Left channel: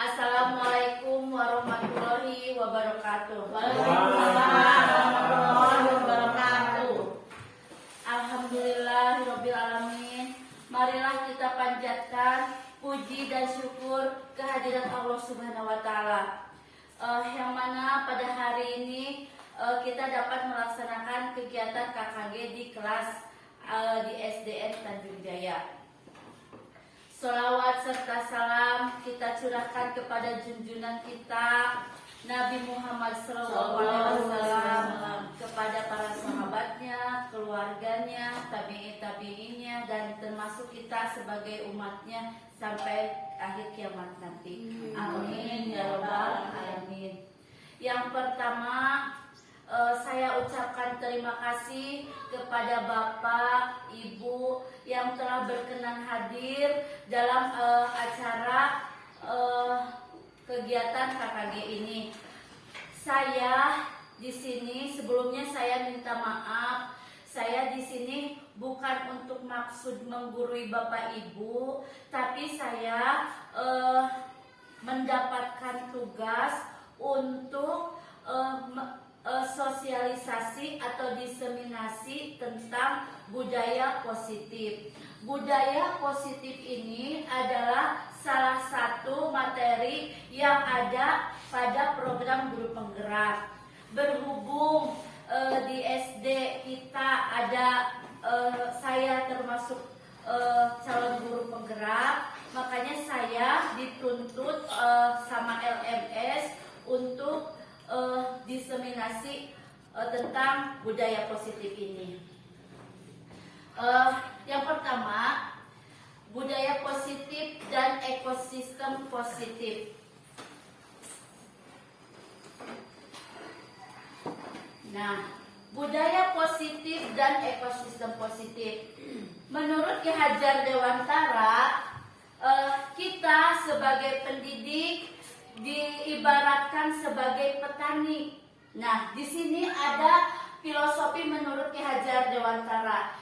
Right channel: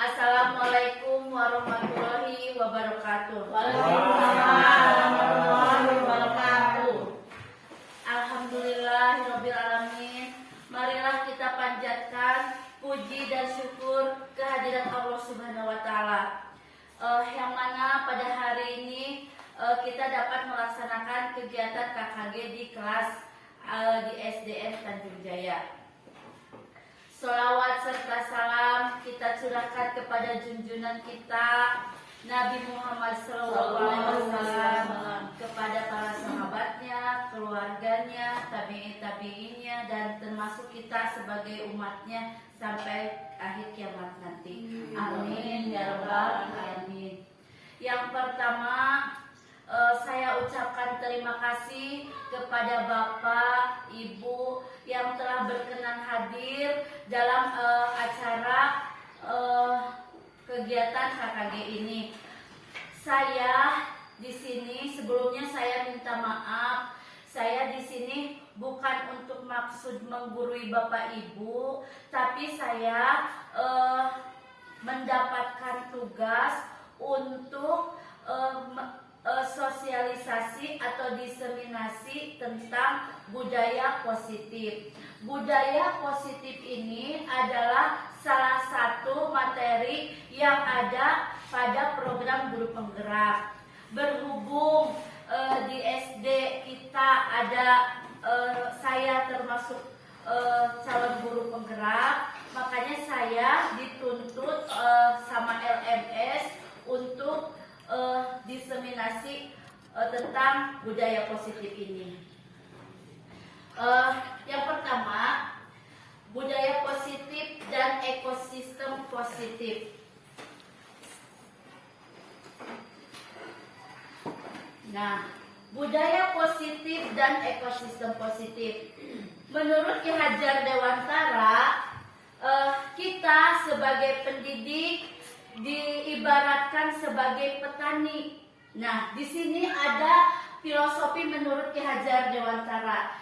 Assalamualaikum warahmatullahi wabarakatuh. Waalaikumsalam warahmatullahi wabarakatuh. Alhamdulillahirabbil alamin. Marilah kita panjatkan puji dan syukur kehadirat Allah Subhanahu wa taala. Yang mana pada hari ini kita dapat melaksanakan kegiatan KKG di kelas di SDN Tanjung Jaya. Sholawat serta salam kita curahkan kepada junjungan kita Nabi Muhammad SAW, kepada para sahabatnya, keluarganya, tabi'in-tabi'innya, dan termasuk kita sebagai umatnya sampai akhir kiamat nanti. Amin ya rabbal alamin. Yang pertama, saya ucapkan terima kasih kepada Bapak, Ibu yang telah berkenan hadir dalam acara kegiatan KKG ini. Saya di sini sebelumnya saya minta maaf. Saya di sini bukan untuk maksud menggurui Bapak Ibu, tapi saya mendapatkan tugas untuk sosialisasi atau diseminasi tentang budaya positif. Budaya positif ini adalah salah satu materi yang ada pada program guru penggerak. Berhubung di SD kita ada saya termasuk calon guru penggerak, makanya saya dituntut sama LMS untuk diseminasi tentang budaya positif ini. Yang pertama, budaya positif dan ekosistem positif. Nah, budaya positif dan ekosistem positif. Menurut Ki Hajar Dewantara, kita sebagai pendidik diibaratkan sebagai petani. Nah, di sini ada filosofi menurut Ki Hajar Dewantara.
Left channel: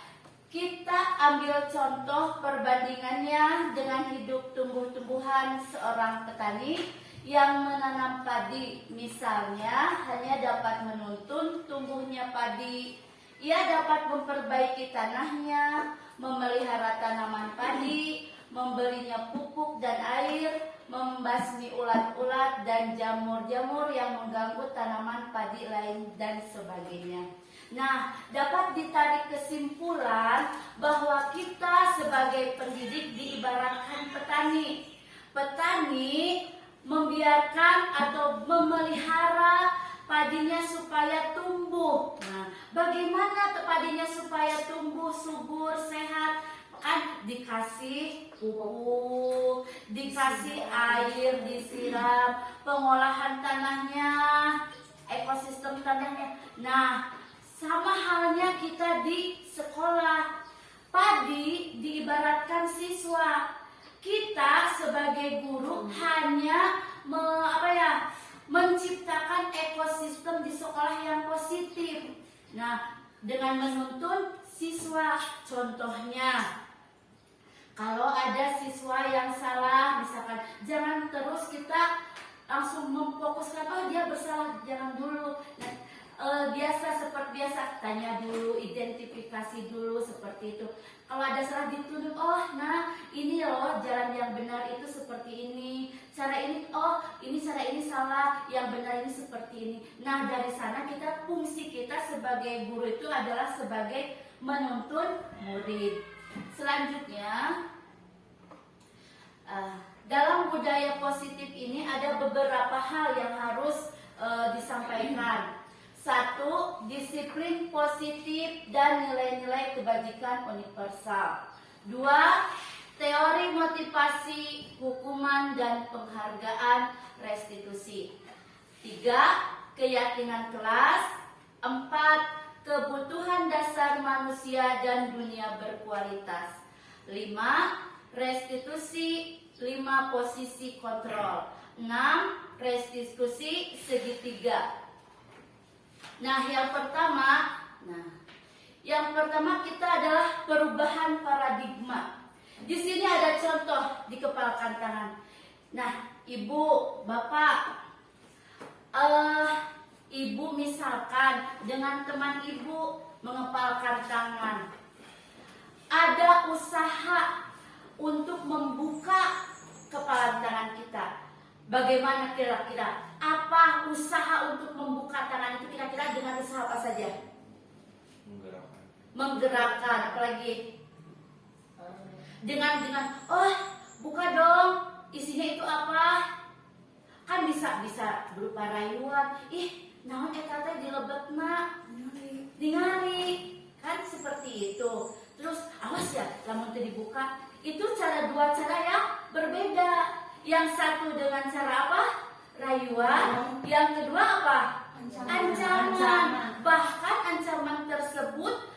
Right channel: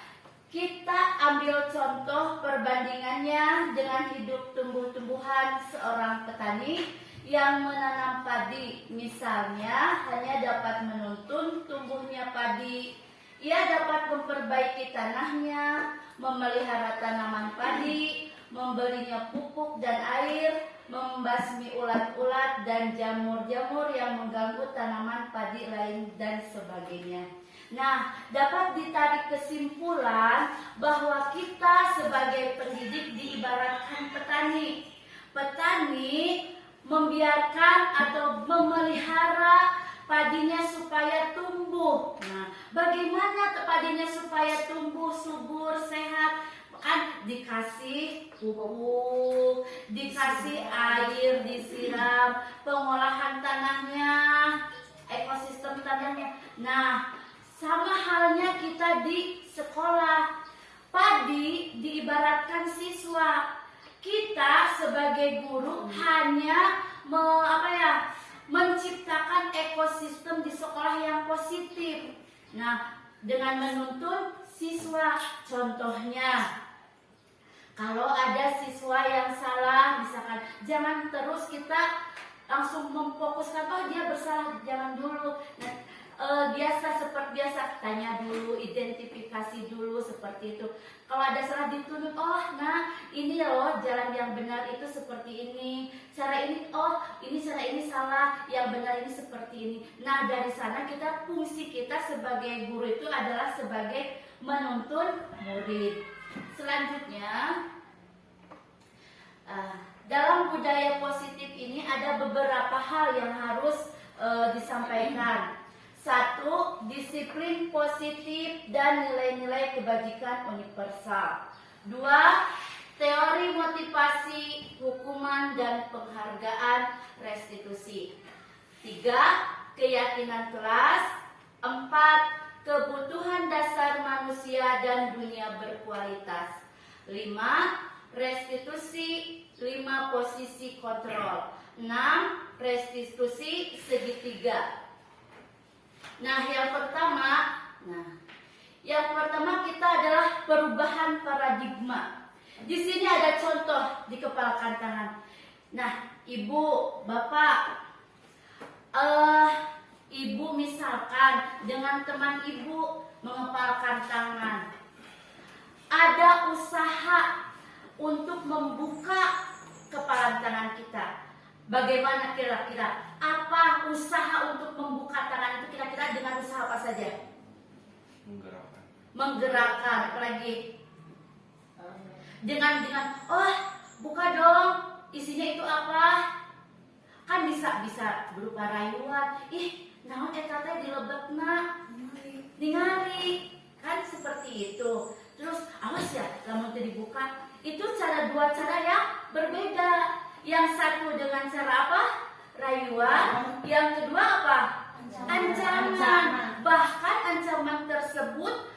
Kita ambil contoh perbandingannya dengan hidup tumbuh-tumbuhan seorang petani yang menanam padi. Misalnya, hanya dapat menuntun tumbuhnya padi. Ia dapat memperbaiki tanahnya, memelihara tanaman padi, memberinya pupuk dan air, membasmi ulat-ulat dan jamur-jamur yang mengganggu tanaman padi lain dan sebagainya. Nah, dapat ditarik kesimpulan bahwa kita sebagai pendidik diibaratkan petani. Petani membiarkan atau memelihara padinya supaya tumbuh. Nah, bagaimana padinya supaya tumbuh subur, sehat? Kan dikasih pupuk, dikasih air, disiram, pengolahan tanahnya, ekosistem tanahnya. Nah, sama halnya kita di sekolah. Padi diibaratkan siswa. Kita sebagai guru hanya menciptakan ekosistem di sekolah yang positif. Nah, dengan menuntun siswa, contohnya kalau ada siswa yang salah, misalkan jangan terus kita langsung memfokuskan, oh dia bersalah, jangan dulu. Nah, seperti biasa, tanya dulu, identifikasi dulu seperti itu. Kalau ada salah dituntut, oh nah ini loh jalan yang benar itu seperti ini. Cara ini, oh ini cara ini salah, yang benar ini seperti ini. Nah, dari sana fungsi kita sebagai guru itu adalah sebagai menuntun murid. Selanjutnya, dalam budaya positif ini ada beberapa hal yang harus disampaikan. 1. Disiplin positif dan nilai-nilai kebajikan universal. 2. Teori motivasi, hukuman dan penghargaan restitusi. 3. Keyakinan kelas. 4. Kebutuhan dasar manusia dan dunia berkualitas. 5. Restitusi 5 posisi kontrol. 6. Restitusi segitiga. Nah, yang pertama kita adalah perubahan paradigma. Di sini ada contoh di kepala kantangan. Nah, ibu, bapak, ibu misalkan dengan teman ibu mengepalkan tangan, ada usaha untuk membuka kepala tangan kita. Bagaimana kira-kira? Apa usaha untuk membuka tangan itu kira-kira dengan usaha apa saja? Menggerakkan, apalagi dengan oh buka dong, isinya itu apa? Kan bisa berupa rayuan. Ih, naon eta teh dilebetna, ningali, kan seperti itu. Terus awas ya, lamun teu dibuka. Itu dua cara yang berbeda. Yang satu dengan cara apa? Rayuan. Yang kedua apa? Ancaman. Bahkan ancaman tersebut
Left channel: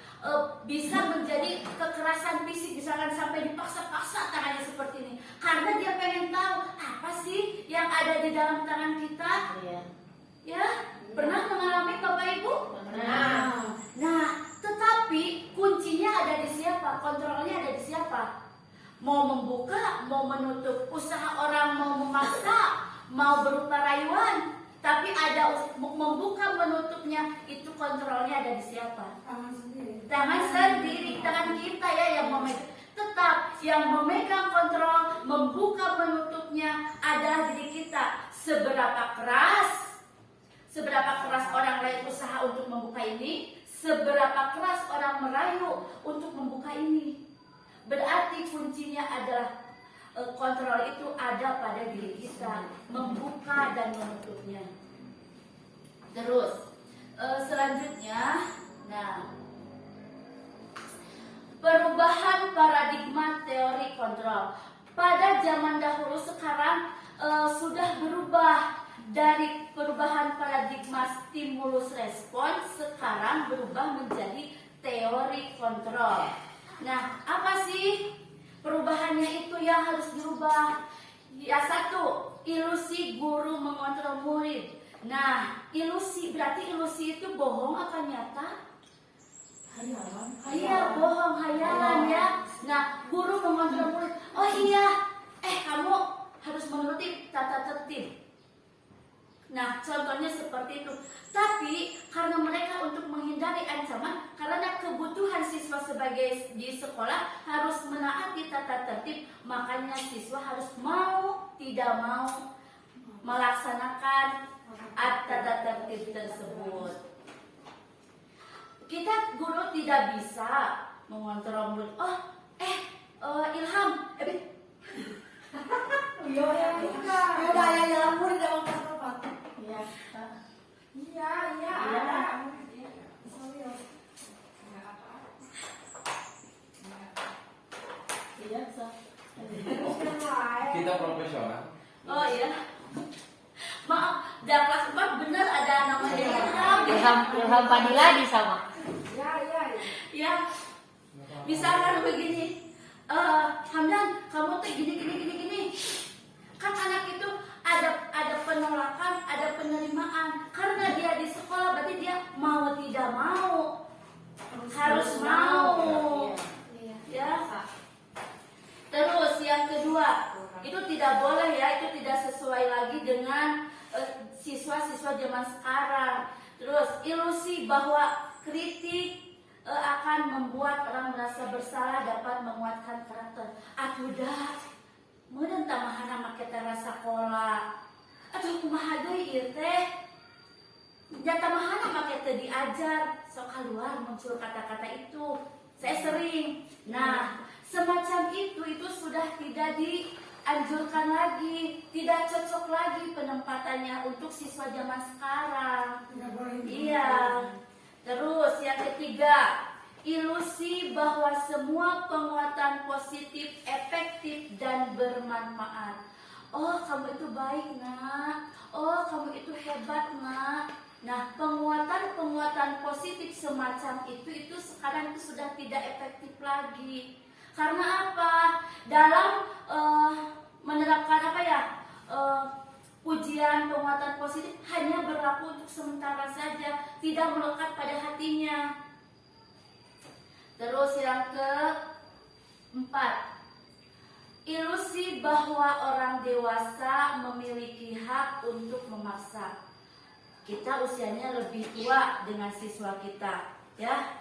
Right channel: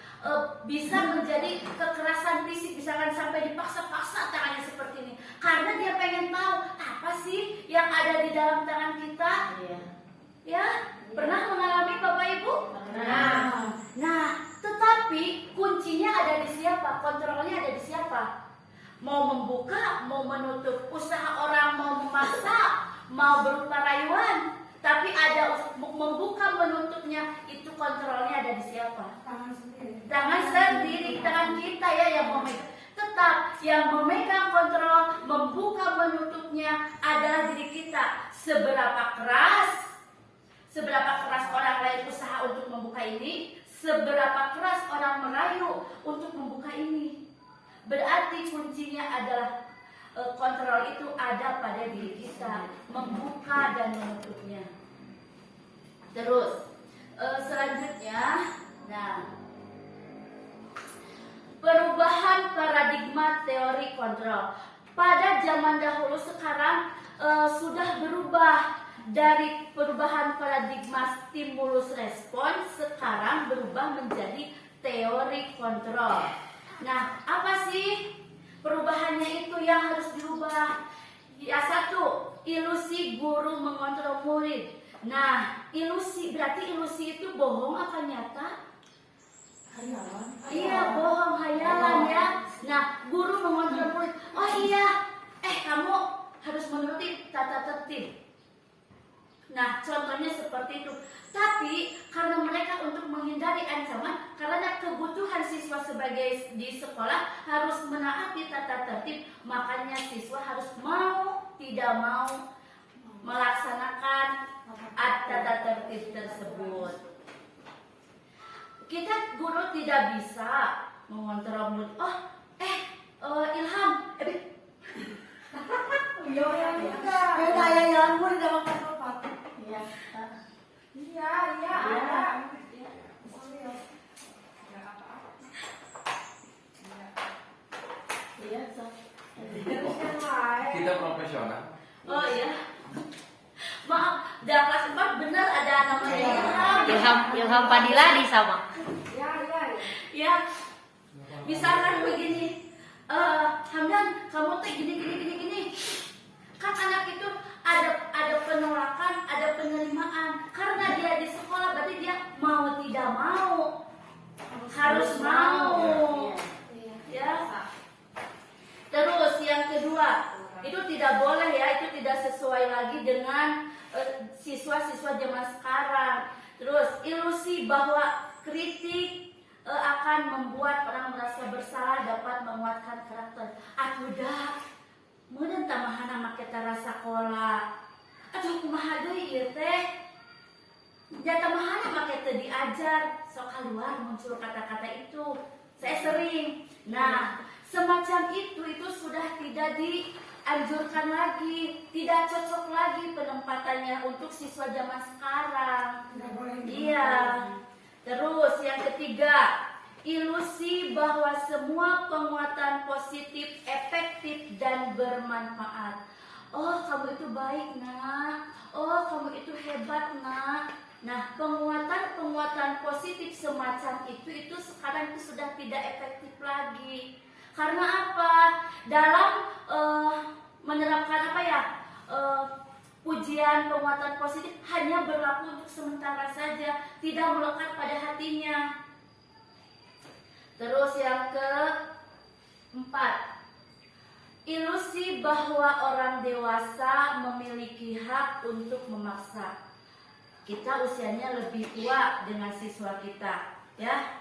bisa menjadi kekerasan fisik, misalkan sampai dipaksa-paksa tangannya seperti ini, karena dia pengen tahu apa sih yang ada di dalam tangan kita. Ya, pernah mengalami Bapak Ibu? Nah, tetapi kuncinya ada di siapa? Kontrolnya ada di siapa? Mau membuka, mau menutup, usaha orang mau memaksa, mau berupa rayuan, tapi ada membuka menutupnya, itu kontrolnya ada di siapa? Tangan sendiri, tangan kita ya yang memegang. Tetap yang memegang kontrol, membuka menutupnya adalah diri kita. Seberapa keras orang lain usaha untuk membuka ini, seberapa keras orang merayu untuk membuka ini. Berarti kuncinya adalah kontrol itu ada pada diri kita, membuka dan menutupnya. Terus selanjutnya, nah, perubahan paradigma teori kontrol. Pada zaman dahulu sekarang sudah berubah dari perubahan paradigma stimulus respons, sekarang berubah menjadi teori kontrol. Nah, apa sih perubahannya itu yang harus dirubah? Ya, satu, ilusi guru mengontrol murid. Nah, ilusi berarti ilusi itu bohong apa nyata? Iya, bohong, hayalan ya. Nah, guru mengontrol murid. Oh iya, kamu harus menuruti tata tertib. Nah, contohnya seperti itu. Tapi karena mereka untuk menghindari ancaman, karena kebutuhan siswa sebagai di sekolah harus menaati tata tertib, makanya siswa harus mau tidak mau melaksanakan tata tertib tersebut. Kita guru tidak bisa mengontrol murid. Ilham, Kita profesional. Oh iya. Maaf, dan kelas 4 benar ada namanya Ilham Fadila di sama. Ya, misalkan begini, Hamdan, kamu tuh gini. Kan anak itu ada penolakan, ada penerimaan. Karena dia di sekolah, berarti dia mau tidak mau harus mau. Ya. Terus yang kedua, itu tidak boleh ya, itu tidak sesuai lagi dengan siswa-siswa zaman sekarang. Terus ilusi bahwa kritik akan membuat orang merasa bersalah, dapat menguatkan karakter. Atuh meureun tamahana make tara sakola. Atuh kumaha deui ieu teh? Da tamahana make teu diajar, sok keluar muncul kata-kata itu. Saya sering. Nah, semacam itu sudah tidak dianjurkan lagi, tidak cocok lagi penempatannya untuk siswa zaman sekarang. Iya. Terus yang ketiga, ilusi bahwa semua penguatan positif efektif dan bermanfaat. Oh, kamu itu baik, Nak. Oh, kamu itu hebat, Nak. Nah, penguatan positif semacam itu sekarang itu sudah tidak efektif lagi. Karena apa? Dalam menerapkan ujian penguatan positif hanya berlaku untuk sementara saja, tidak melekat pada hatinya. Terus yang keempat, ilusi bahwa orang dewasa memiliki hak untuk memaksa. Kita usianya lebih tua dengan siswa kita, ya.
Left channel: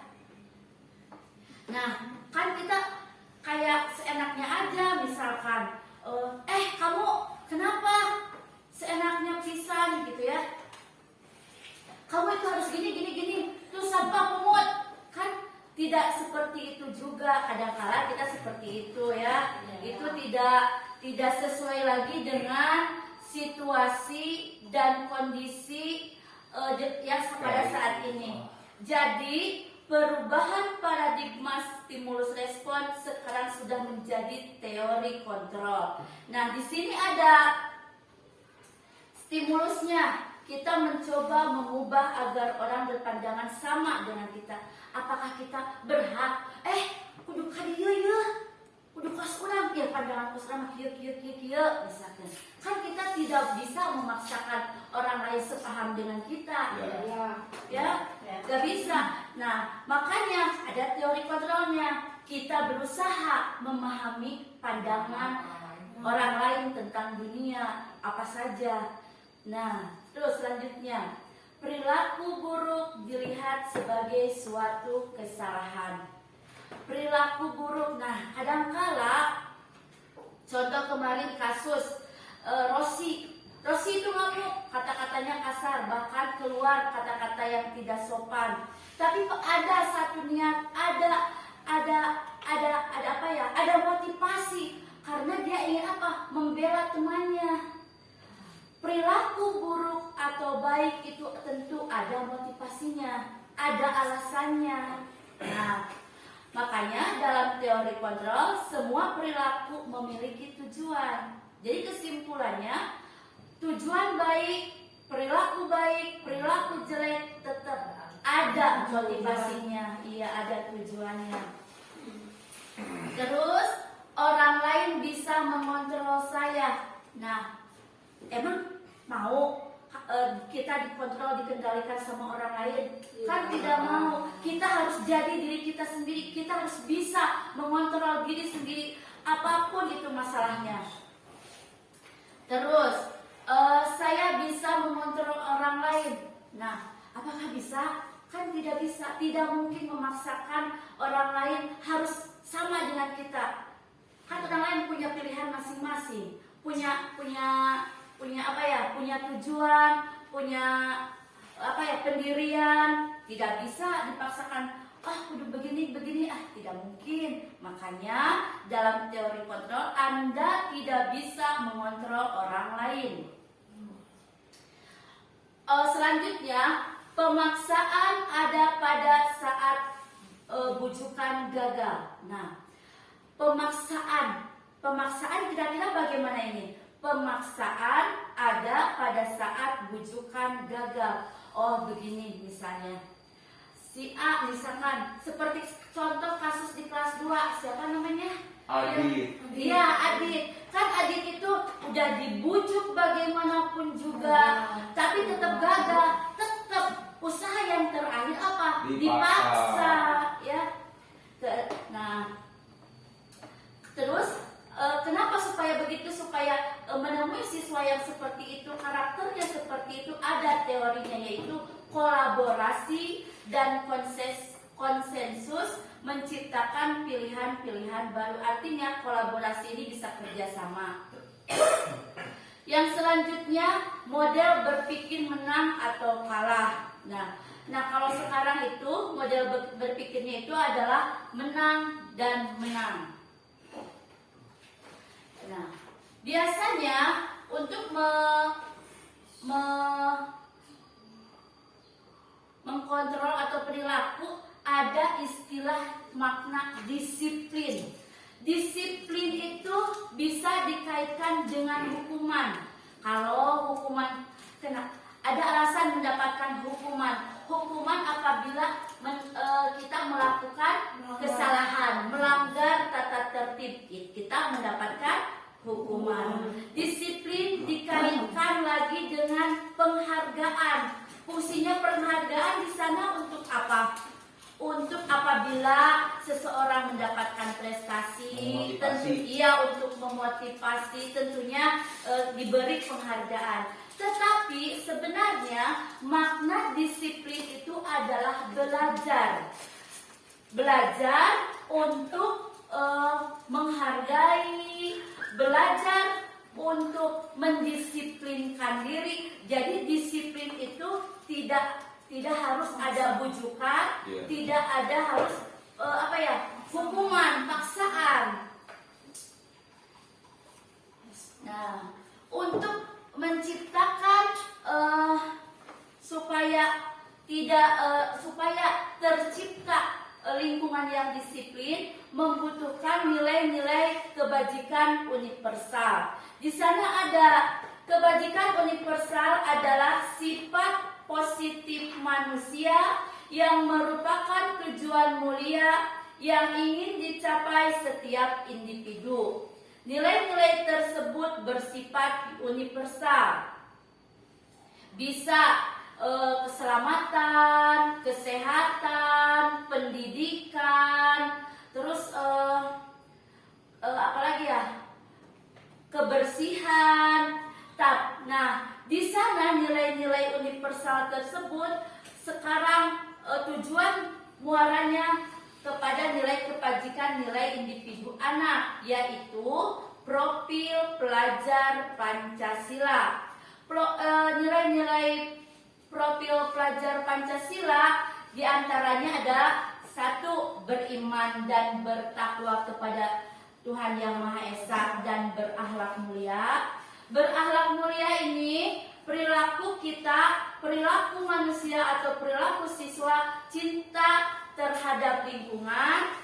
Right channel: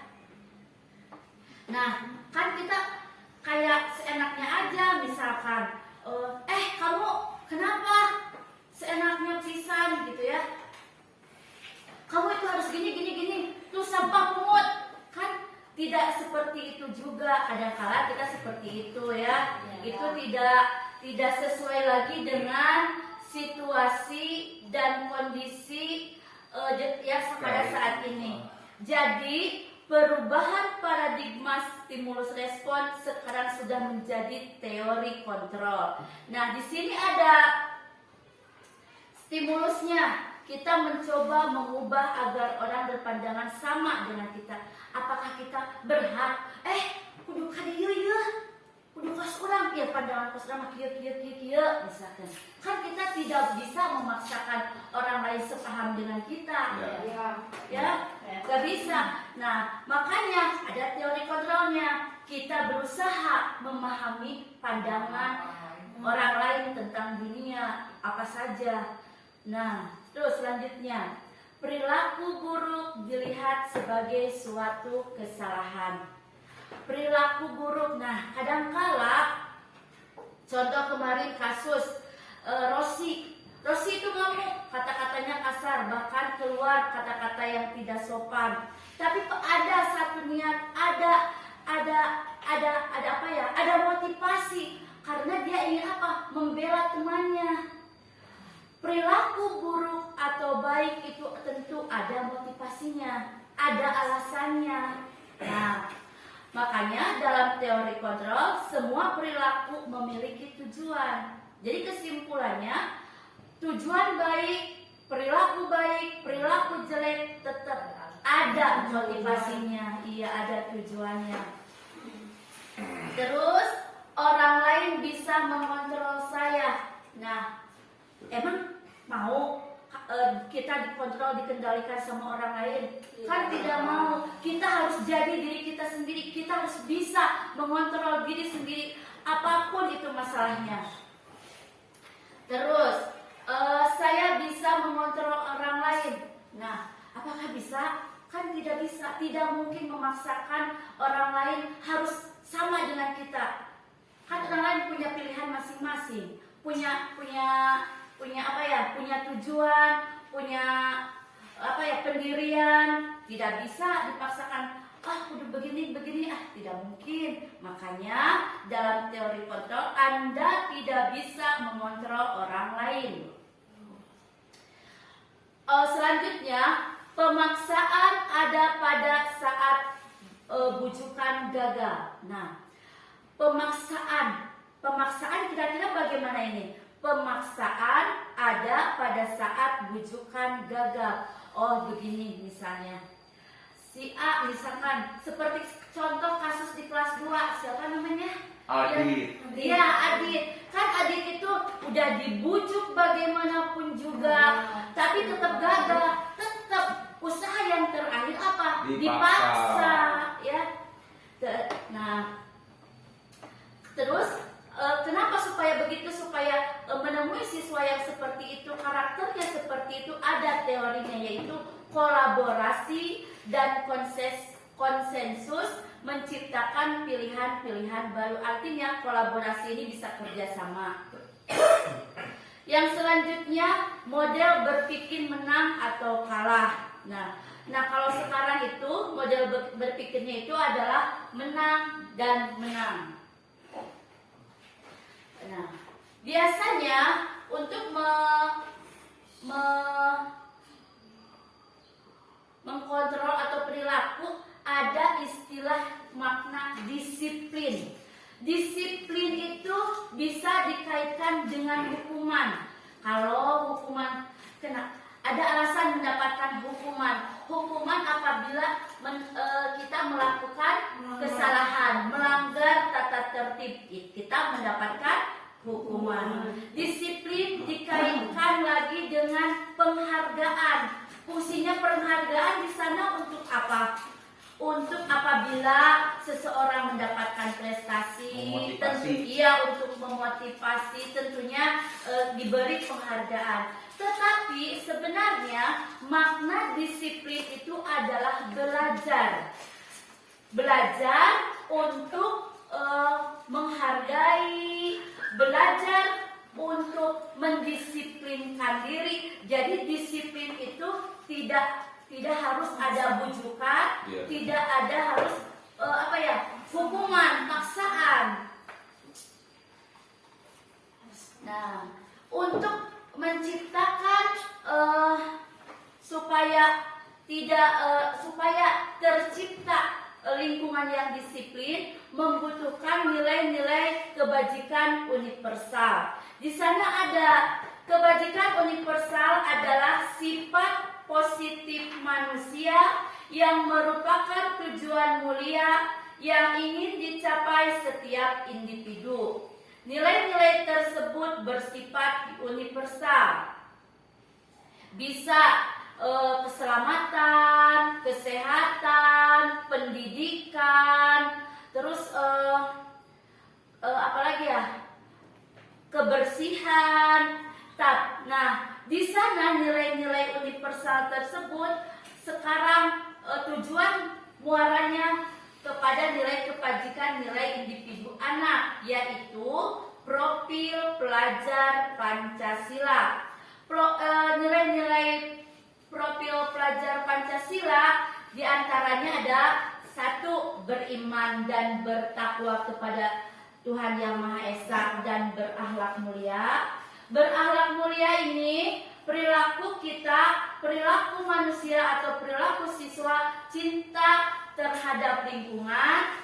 Nah, kan kita kayak seenaknya aja, misalkan, kamu kenapa seenaknya pisan gitu ya? Kamu itu harus gini, tuh sampah pungut, kan? Tidak seperti itu juga. Kadang-kala kita seperti itu ya. Itu tidak sesuai lagi dengan situasi dan kondisi yang pada saat ini. Jadi perubahan paradigma stimulus respon sekarang sudah menjadi teori kontrol. Nah, di sini ada stimulusnya. Kita mencoba mengubah agar orang berpandangan sama dengan kita. Apakah kita berhak? Kudu kadieu yeuh, kudu kas urang ya, pandangan kas urang kieu misalkan. Kan kita tidak bisa memaksakan orang lain sepaham dengan kita. Ya, gak bisa. Nah, makanya ada teori kontrolnya. Kita berusaha memahami pandangan orang lain tentang dunia apa saja. Nah, terus selanjutnya, perilaku buruk dilihat sebagai suatu kesalahan. Perilaku buruk, nah kadangkala, contoh kemarin kasus Rosi itu ngamuk, kata-katanya kasar, bahkan keluar kata-kata yang tidak sopan. Tapi ada satu niat, ada apa ya? Ada motivasi karena dia ingin apa? Membela temannya. Perilaku buruk atau baik itu tentu ada motivasinya, ada alasannya. Nah, makanya dalam teori kontrol semua perilaku memiliki tujuan. Jadi kesimpulannya, tujuan baik, perilaku jelek tetap ada motivasinya. Iya, ada tujuannya. Terus orang lain bisa mengontrol saya. Nah, emang mau kita dikontrol, dikendalikan sama orang lain? Kan tidak mau. Kita harus jadi diri kita sendiri. Kita harus bisa mengontrol diri sendiri, apapun itu masalahnya. Terus saya bisa mengontrol orang lain. Nah, apakah bisa? Kan tidak bisa. Tidak mungkin memaksakan orang lain harus sama dengan kita. Kan orang lain punya pilihan masing-masing, punya apa ya, punya tujuan, punya apa ya, pendirian. Tidak bisa dipaksakan, kudu begini, tidak mungkin. Makanya dalam teori kontrol Anda tidak bisa mengontrol orang lain. Selanjutnya, pemaksaan ada pada saat bujukan gagal. Nah, pemaksaan kira-kira bagaimana ini? Pemaksaan ada pada saat bujukan gagal. Oh, begini misalnya. Si A misalkan, seperti contoh kasus di kelas 2, siapa namanya? Adit. Dia Adit. Kan Adit itu udah dibujuk bagaimanapun juga, tapi tetap gagal. Tetap usaha yang terakhir apa? Dipaksa, ya. Nah, terus kenapa supaya begitu? Supaya menemui siswa yang seperti itu, karakternya seperti itu, ada teorinya, yaitu kolaborasi dan konsensus menciptakan pilihan-pilihan baru. Artinya kolaborasi ini bisa kerjasama. Yang selanjutnya, model berpikir menang atau kalah. Nah kalau sekarang itu model berpikirnya itu adalah menang dan menang. Nah, biasanya untuk mengkontrol atau perilaku ada istilah makna disiplin. Disiplin itu bisa dikaitkan dengan hukuman. Kalau hukuman ada alasan mendapatkan hukuman apabila kita melakukan kesalahan, melanggar tata tertib, kita mendapatkan hukuman. Disiplin dikaitkan lagi dengan penghargaan. Fungsinya penghargaan di sana untuk apa? untuk apabila seseorang mendapatkan prestasi, untuk memotivasi, tentunya diberi penghargaan. Tetapi sebenarnya makna disiplin itu adalah belajar untuk menghargai, belajar untuk mendisiplinkan diri. Jadi disiplin itu tidak harus ada bujukan, tidak ada harus hukuman, paksaan. Nah, untuk menciptakan supaya tercipta lingkungan yang disiplin membutuhkan nilai-nilai kebajikan universal. Di sana ada kebajikan universal adalah sifat positif manusia yang merupakan tujuan mulia yang ingin dicapai setiap individu. Nilai-nilai tersebut bersifat universal. Bisa keselamatan, kesehatan, pendidikan, terus kebersihan. Nah, di sana nilai-nilai universal tersebut sekarang tujuan muaranya kepada nilai kebajikan nilai individu anak, yaitu profil pelajar Pancasila. Nilai-nilai profil pelajar Pancasila diantaranya ada 1. Beriman dan bertakwa kepada Tuhan Yang Maha Esa dan berakhlak mulia. Berakhlak mulia ini perilaku kita, perilaku manusia atau perilaku siswa, cinta terhadap lingkungan,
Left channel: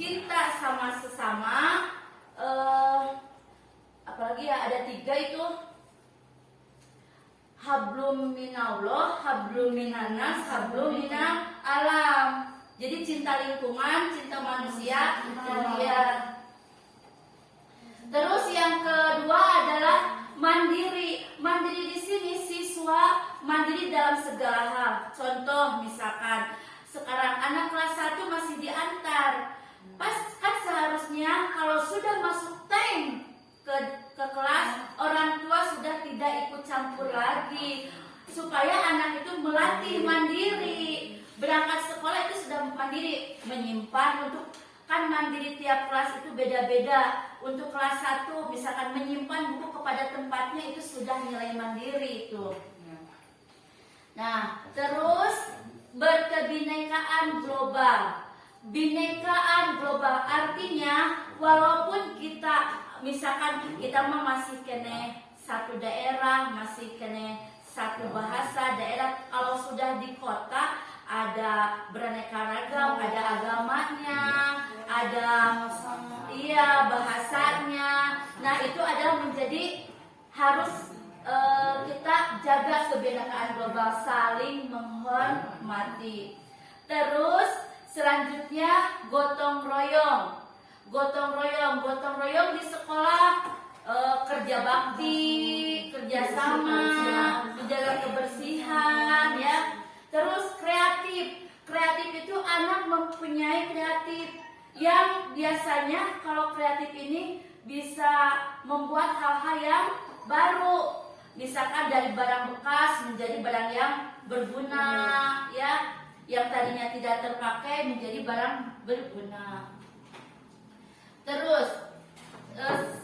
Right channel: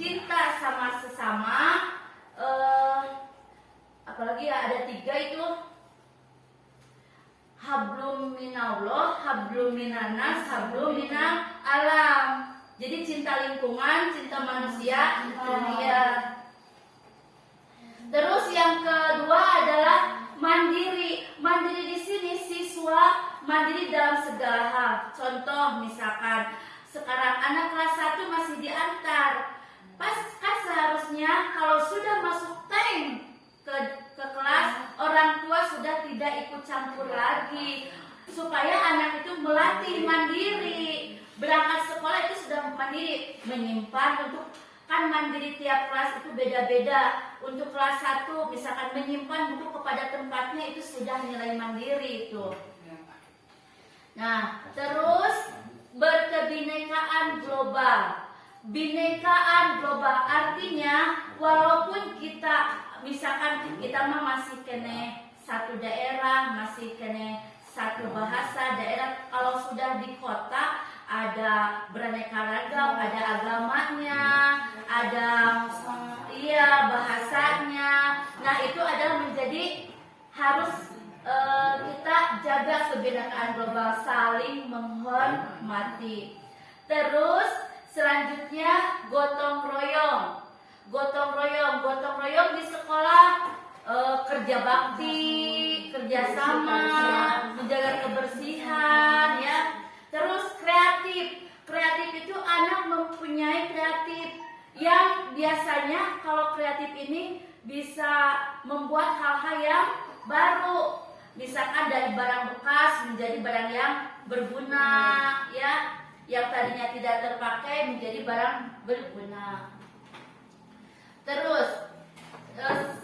cinta sama sesama, ada 3 itu, hablum minallah, hablum minanas, hablum minal alam. Jadi cinta lingkungan, cinta manusia, Terus yang kedua adalah mandiri. Mandiri di sini siswa mandiri dalam segala hal. Contoh misalkan sekarang anak kelas 1 masih diantar. Kan seharusnya kalau sudah masuk time ke kelas, orang tua sudah tidak ikut campur lagi, supaya anak itu melatih mandiri. Berangkat sekolah itu sudah mandiri, menyimpan kan mandiri tiap kelas itu beda-beda. Untuk kelas 1 misalkan menyimpan buku kepada tempatnya, itu sudah nilai mandiri itu. Nah, terus berkebinekaan global. Binekaan global artinya walaupun kita misalkan kita masih kene satu daerah, masih kene satu bahasa daerah, kalau sudah di kota ada beraneka ragam, ada agamanya, ada bahasanya. Nah, itu adalah menjadi harus kita jaga kebinekaan global, saling menghormati. Terus selanjutnya gotong royong. Gotong royong di sekolah, kerja bakti, kerjasama, menjaga kebersihan, ya. Terus kreatif itu anak mempunyai kreatif yang biasanya kalau kreatif ini bisa membuat hal-hal yang baru, misalkan dari barang bekas menjadi barang yang berguna, ya, yang tadinya tidak terpakai menjadi barang berguna. Terus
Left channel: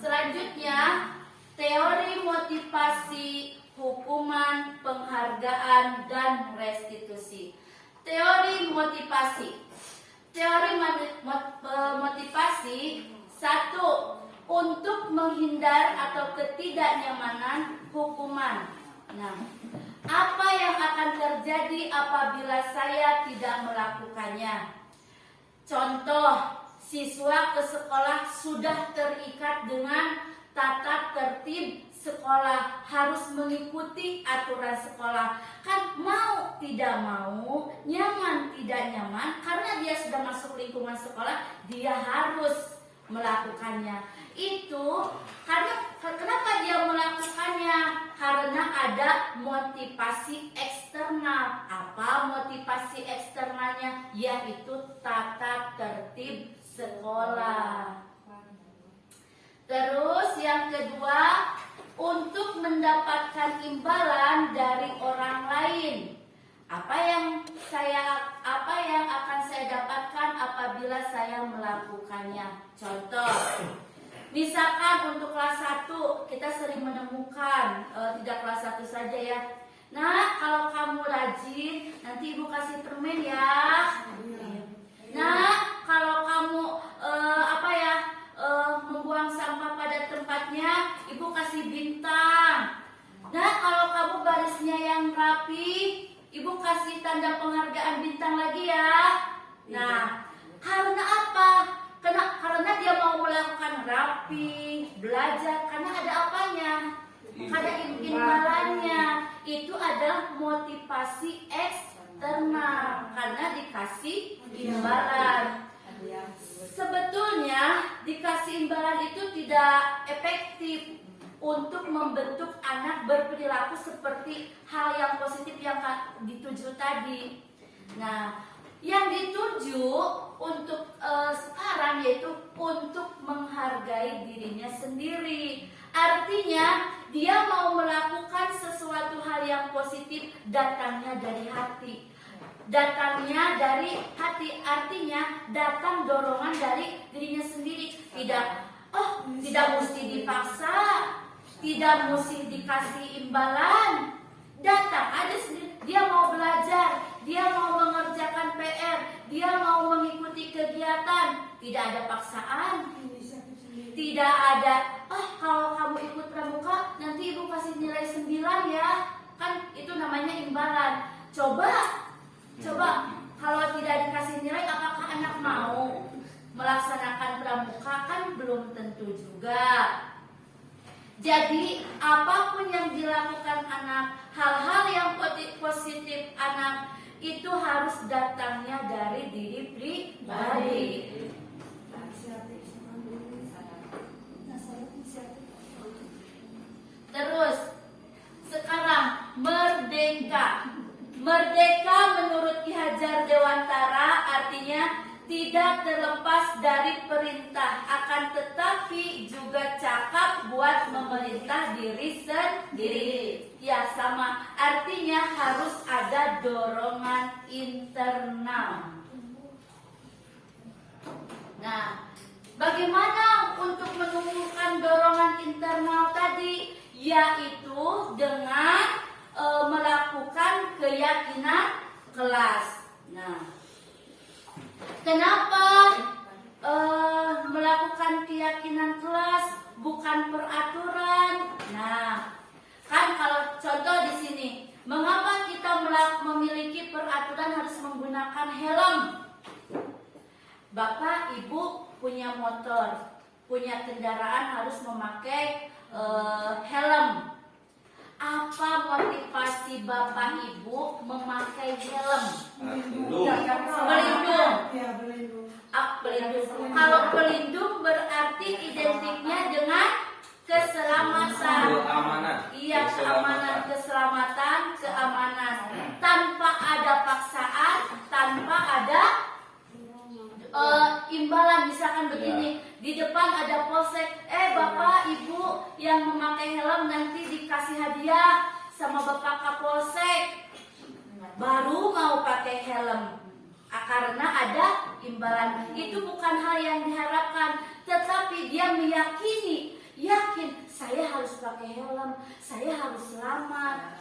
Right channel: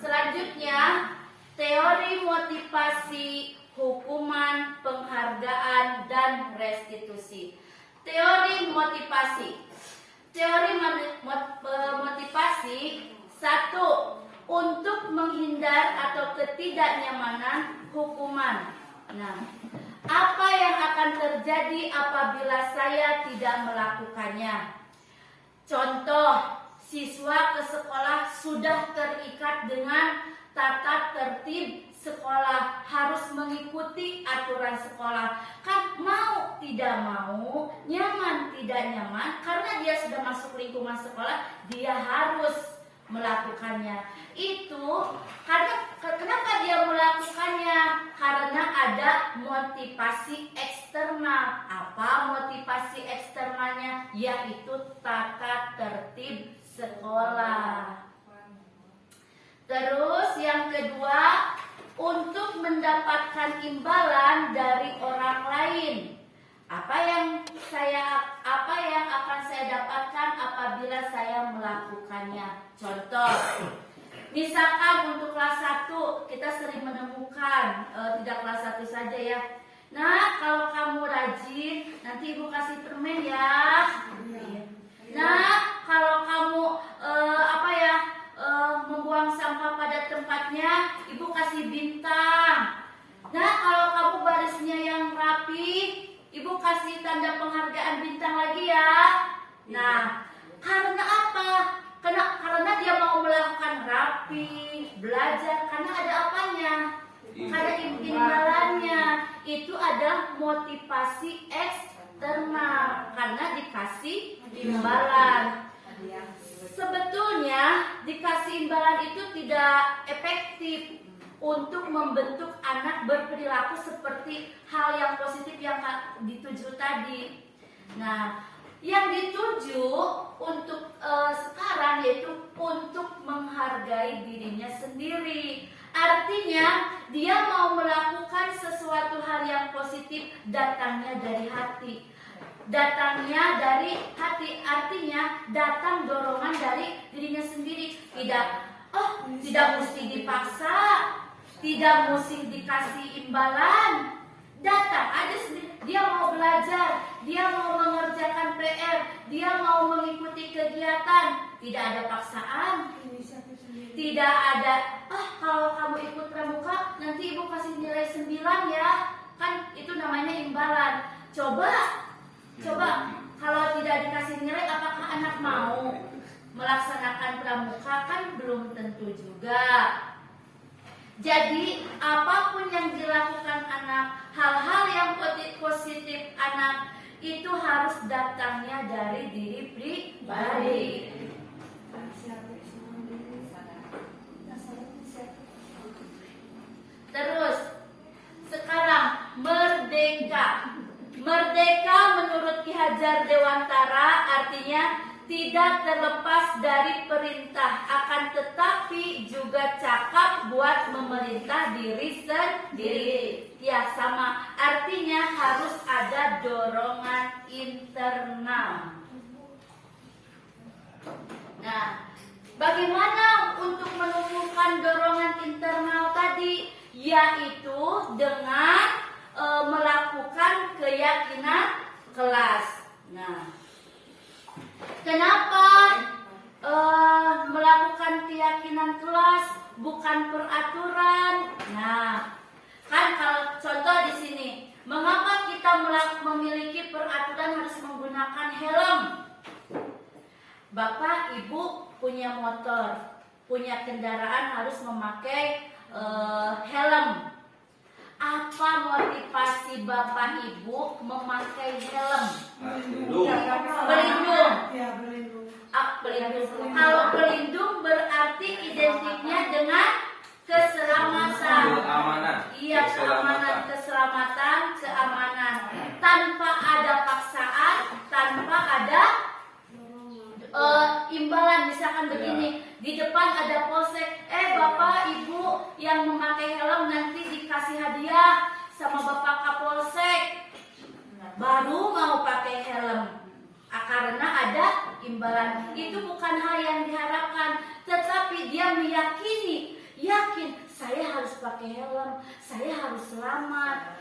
selanjutnya teori motivasi, hukuman, penghargaan, dan restitusi. Teori motivasi. Teori motivasi 1. Untuk menghindar atau ketidaknyamanan hukuman. Nah, apa yang akan terjadi apabila saya tidak melakukannya? Contoh, siswa ke sekolah sudah terikat dengan tata tertib sekolah, harus mengikuti aturan sekolah. Kan mau tidak mau, nyaman tidak nyaman, karena dia sudah masuk lingkungan sekolah, dia harus melakukannya? Itu karena kenapa dia melakukannya? Karena ada motivasi eksternal. Apa motivasi eksternalnya? Yaitu tata tertib sekolah. Terus yang kedua, untuk mendapatkan imbalan dari orang lain. Apa yang akan saya dapatkan apabila saya melakukannya? Contoh, misalkan untuk kelas 1 kita sering menemukan, tidak kelas 1 saja ya. Nah, kalau kamu rajin, nanti ibu kasih permen ya. Nah, kalau kamu membuang sampah pada tempatnya, ibu kasih bintang. Nah, kalau kamu barisnya yang rapi, ibu kasih tanda penghargaan bintang lagi ya. Nah, karena apa? Karena dia mau melakukan rapi, belajar, karena ada apanya? Karena imbalannya. Itu ada motivasi eksternal, karena dikasih imbalan. Sebetulnya dikasih imbalan itu tidak efektif untuk membentuk anak berperilaku seperti hal yang positif yang dituju tadi. Nah, yang dituju untuk sekarang yaitu untuk menghargai dirinya sendiri. Artinya dia mau melakukan sesuatu hal yang positif, datangnya dari hati. Datangnya dari hati, artinya datang dorongan dari dirinya sendiri. Tidak mesti dipaksa, tidak mesti dikasih imbalan. Datang aja sendiri. Dia mau belajar, dia mau mengerjakan PR, dia mau mengikuti kegiatan. Tidak ada paksaan. Tidak ada, kalau kamu ikut pramuka nanti ibu kasih nilai 9 ya. Kan itu namanya imbalan. Coba kalau tidak dikasih nilai, apakah anak mau melaksanakan pramuka? Kan belum tentu juga. Jadi apapun yang dilakukan anak, hal-hal yang positif anak itu harus datangnya dari diri pribadi. Terus sekarang merdeka. Merdeka menurut Ki Hajar Dewantara artinya tidak terlepas dari perintah, akan tetapi juga cakap buat memerintah diri sendiri. Ya sama, artinya harus ada dorongan internal. Nah, bagaimana untuk menumbuhkan dorongan internal tadi? Yaitu dengan melakukan keyakinan kelas. Nah, kenapa melakukan keyakinan kelas bukan peraturan? Nah, kan kalau contoh di sini, mengapa kita memiliki peraturan harus menggunakan helm? Bapak, ibu punya motor, punya kendaraan harus memakai helm. Apa motivasi bapak ibu memakai helm? Pelindung. Pelindung. Kalau pelindung berarti identiknya dengan keselamatan. Iya, keselamatan, keamanan. Tanpa ada paksaan, tanpa ada imbalan. Misalkan begini, di depan ada polsek, bapak ibu yang memakai helm nanti dikasih hadiah sama bapak kapolsek, baru mau pakai helm. Karena ada imbalan. Itu bukan hal yang diharapkan, tetapi dia yakin saya harus pakai helm, saya harus selamat.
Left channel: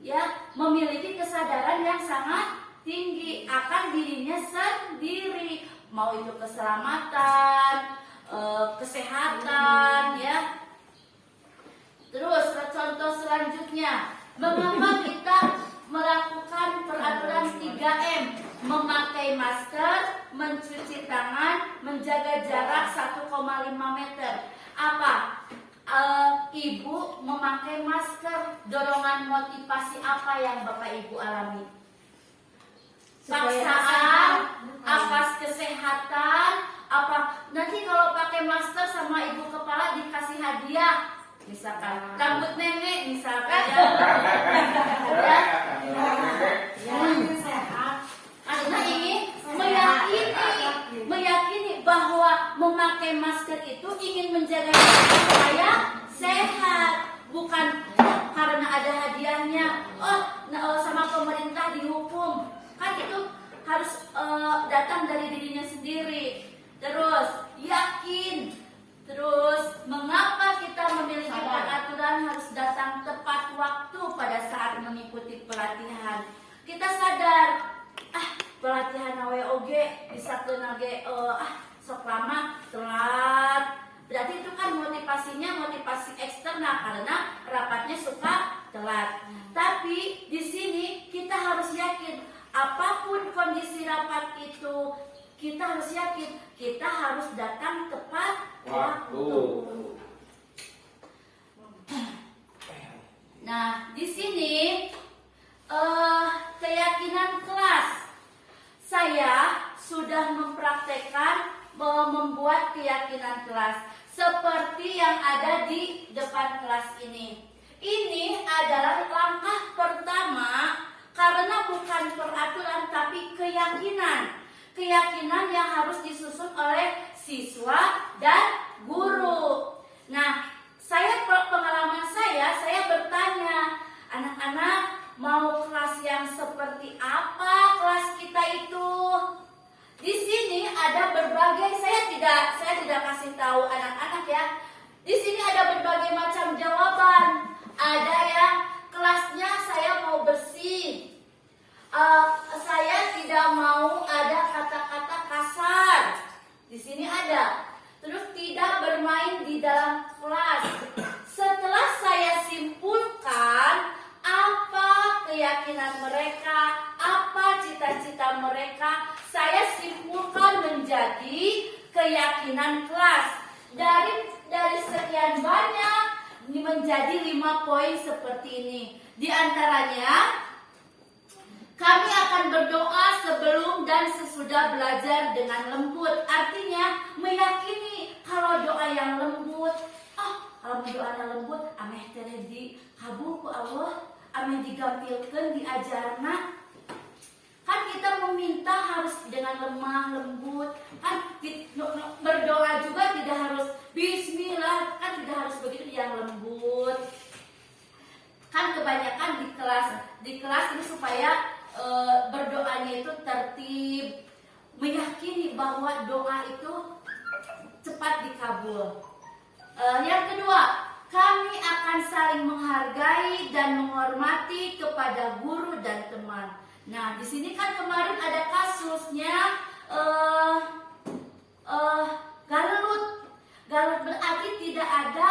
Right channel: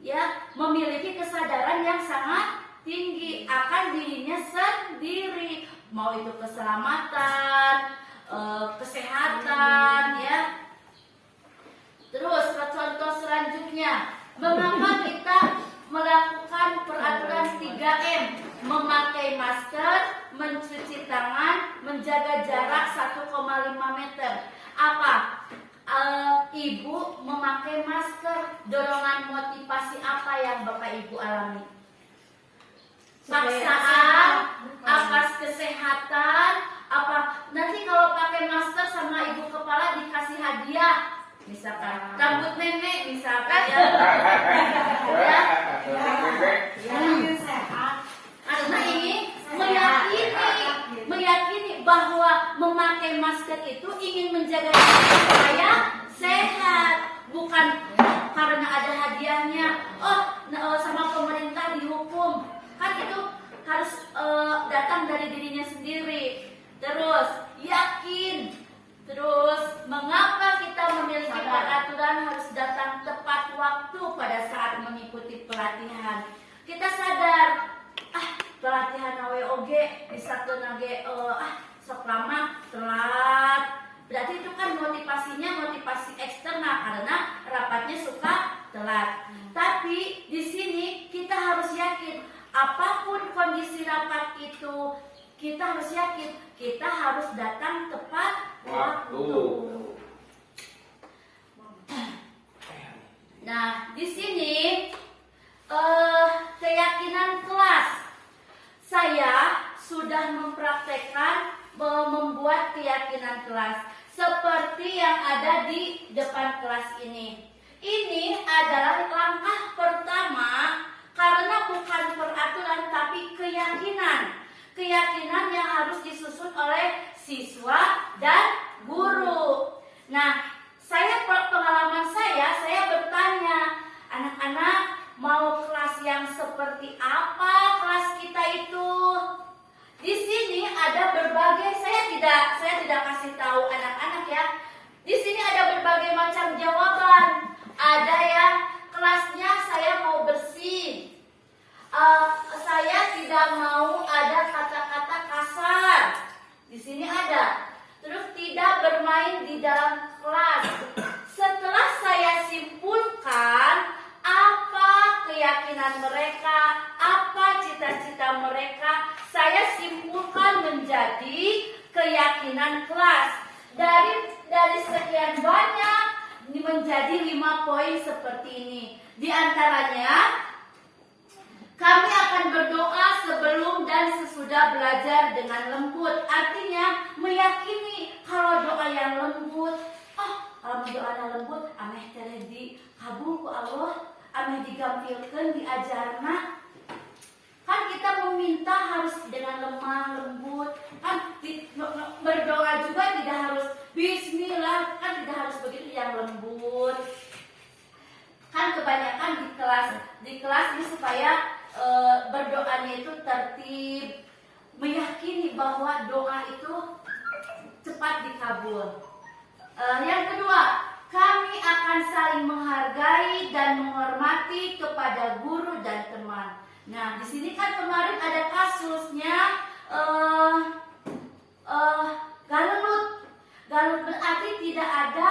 Ya, memiliki kesadaran yang sangat tinggi akan dirinya sendiri, mau itu keselamatan, kesehatan, ya. Terus contoh selanjutnya, mengapa kita melakukan peraturan 3M? Memakai masker, mencuci tangan, menjaga jarak 1,5 meter. Apa? Ibu memakai masker, dorongan motivasi apa yang Bapak Ibu alami? Paksaan, atas kesehatan, Apa nanti kalau pakai masker sama ibu kepala dikasih hadiah, misalkan rambut nenek misalkan ya. Karena ini meyakini bahwa memakai masker itu ingin menjaga diri supaya sehat, bukan karena ada hadiahnya. Sama pemerintah dihukum, kan itu harus datang dari dirinya sendiri. Terus yakin, terus mengapa kita memiliki peraturan harus datang tepat waktu pada saat mengikuti pelatihan. Kita sadar, pelatihan AWOG bisa kenage sok lama telat. Berarti itu kan motivasinya motivasi eksternal karena rapatnya suka telat. Tapi di sini kita harus yakin apapun kondisi rapat itu, kita harus yakin kita harus datang tepat waktu. Nah, di sini keyakinan kelas. Saya sudah mempraktekkan membuat keyakinan kelas seperti yang ada di depan kelas ini. Ini adalah langkah pertama karena bukan peraturan tapi keyakinan. Keyakinan yang harus disusun oleh siswa dan guru. Nah, pengalaman saya bertanya, anak-anak mau kelas yang seperti apa kelas kita itu? Di sini ada berbagai, saya tidak kasih tahu anak-anak ya. Di sini ada berbagai macam jawaban. Ada yang kelasnya saya mau bersih. Saya tidak mau ada kata-kata kasar. Di sini ada. Terus tidak bermain di dalam kelas. Setelah saya simpulkan apa keyakinan mereka, apa cita-cita mereka, saya simpulkan menjadi keyakinan kelas. Dari sekian banyak menjadi 5 poin seperti ini. Di antaranya, kami akan berdoa sebelum dan sesudah belajar dengan lembut. Artinya meyakini kalau doa yang lembut, kalau doa yang lembut, ameh teh di kabul ku Allah, ameh digampilkeun diajarna. Kan kita meminta harus dengan lemah lembut. Kan berdoa juga tidak harus bismillah, kan tidak harus begitu, yang lembut. Kan kebanyakan di kelas ini supaya berdoanya itu tertib, meyakini bahwa doa itu cepat dikabul. Yang kedua, kami akan saling menghargai dan menghormati kepada guru dan teman. Nah, di sini kan kemarin ada kasusnya galut berarti tidak ada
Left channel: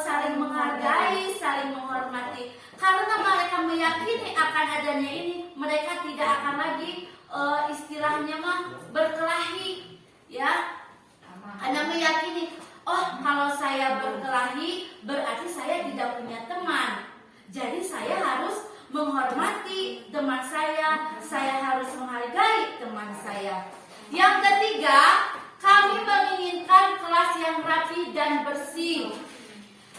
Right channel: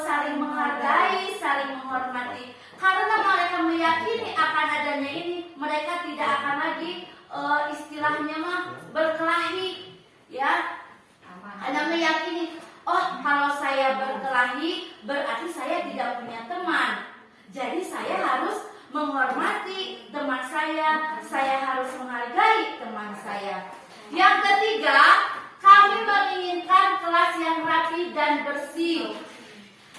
saling menghargai, saling menghormati. Karena mereka meyakini akan adanya ini, mereka tidak akan lagi istilahnya berkelahi, ya. Hanya meyakini, kalau saya berkelahi berarti saya tidak punya teman. Jadi saya harus menghormati teman saya harus menghargai teman saya. Yang ketiga, kami menginginkan kelas yang rapi dan bersih.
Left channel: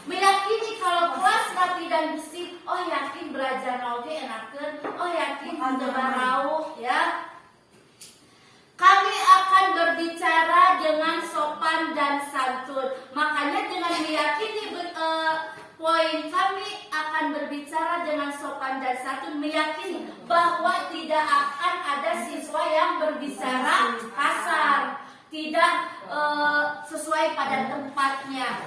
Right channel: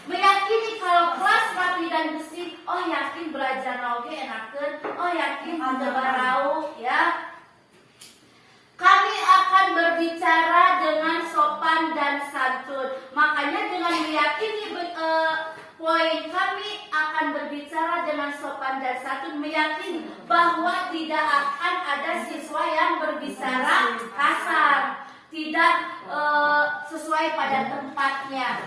Meyakini kalau kelas rapi dan bersih, yakin belajar oge enakeun, yakin barau, ya. Kami akan berbicara dengan sopan dan santun. Makanya dengan meyakini poin kami akan berbicara dengan sopan dan santun, meyakini bahwa tidak akan ada siswa yang berbicara kasar, tidak sesuai pada tempatnya.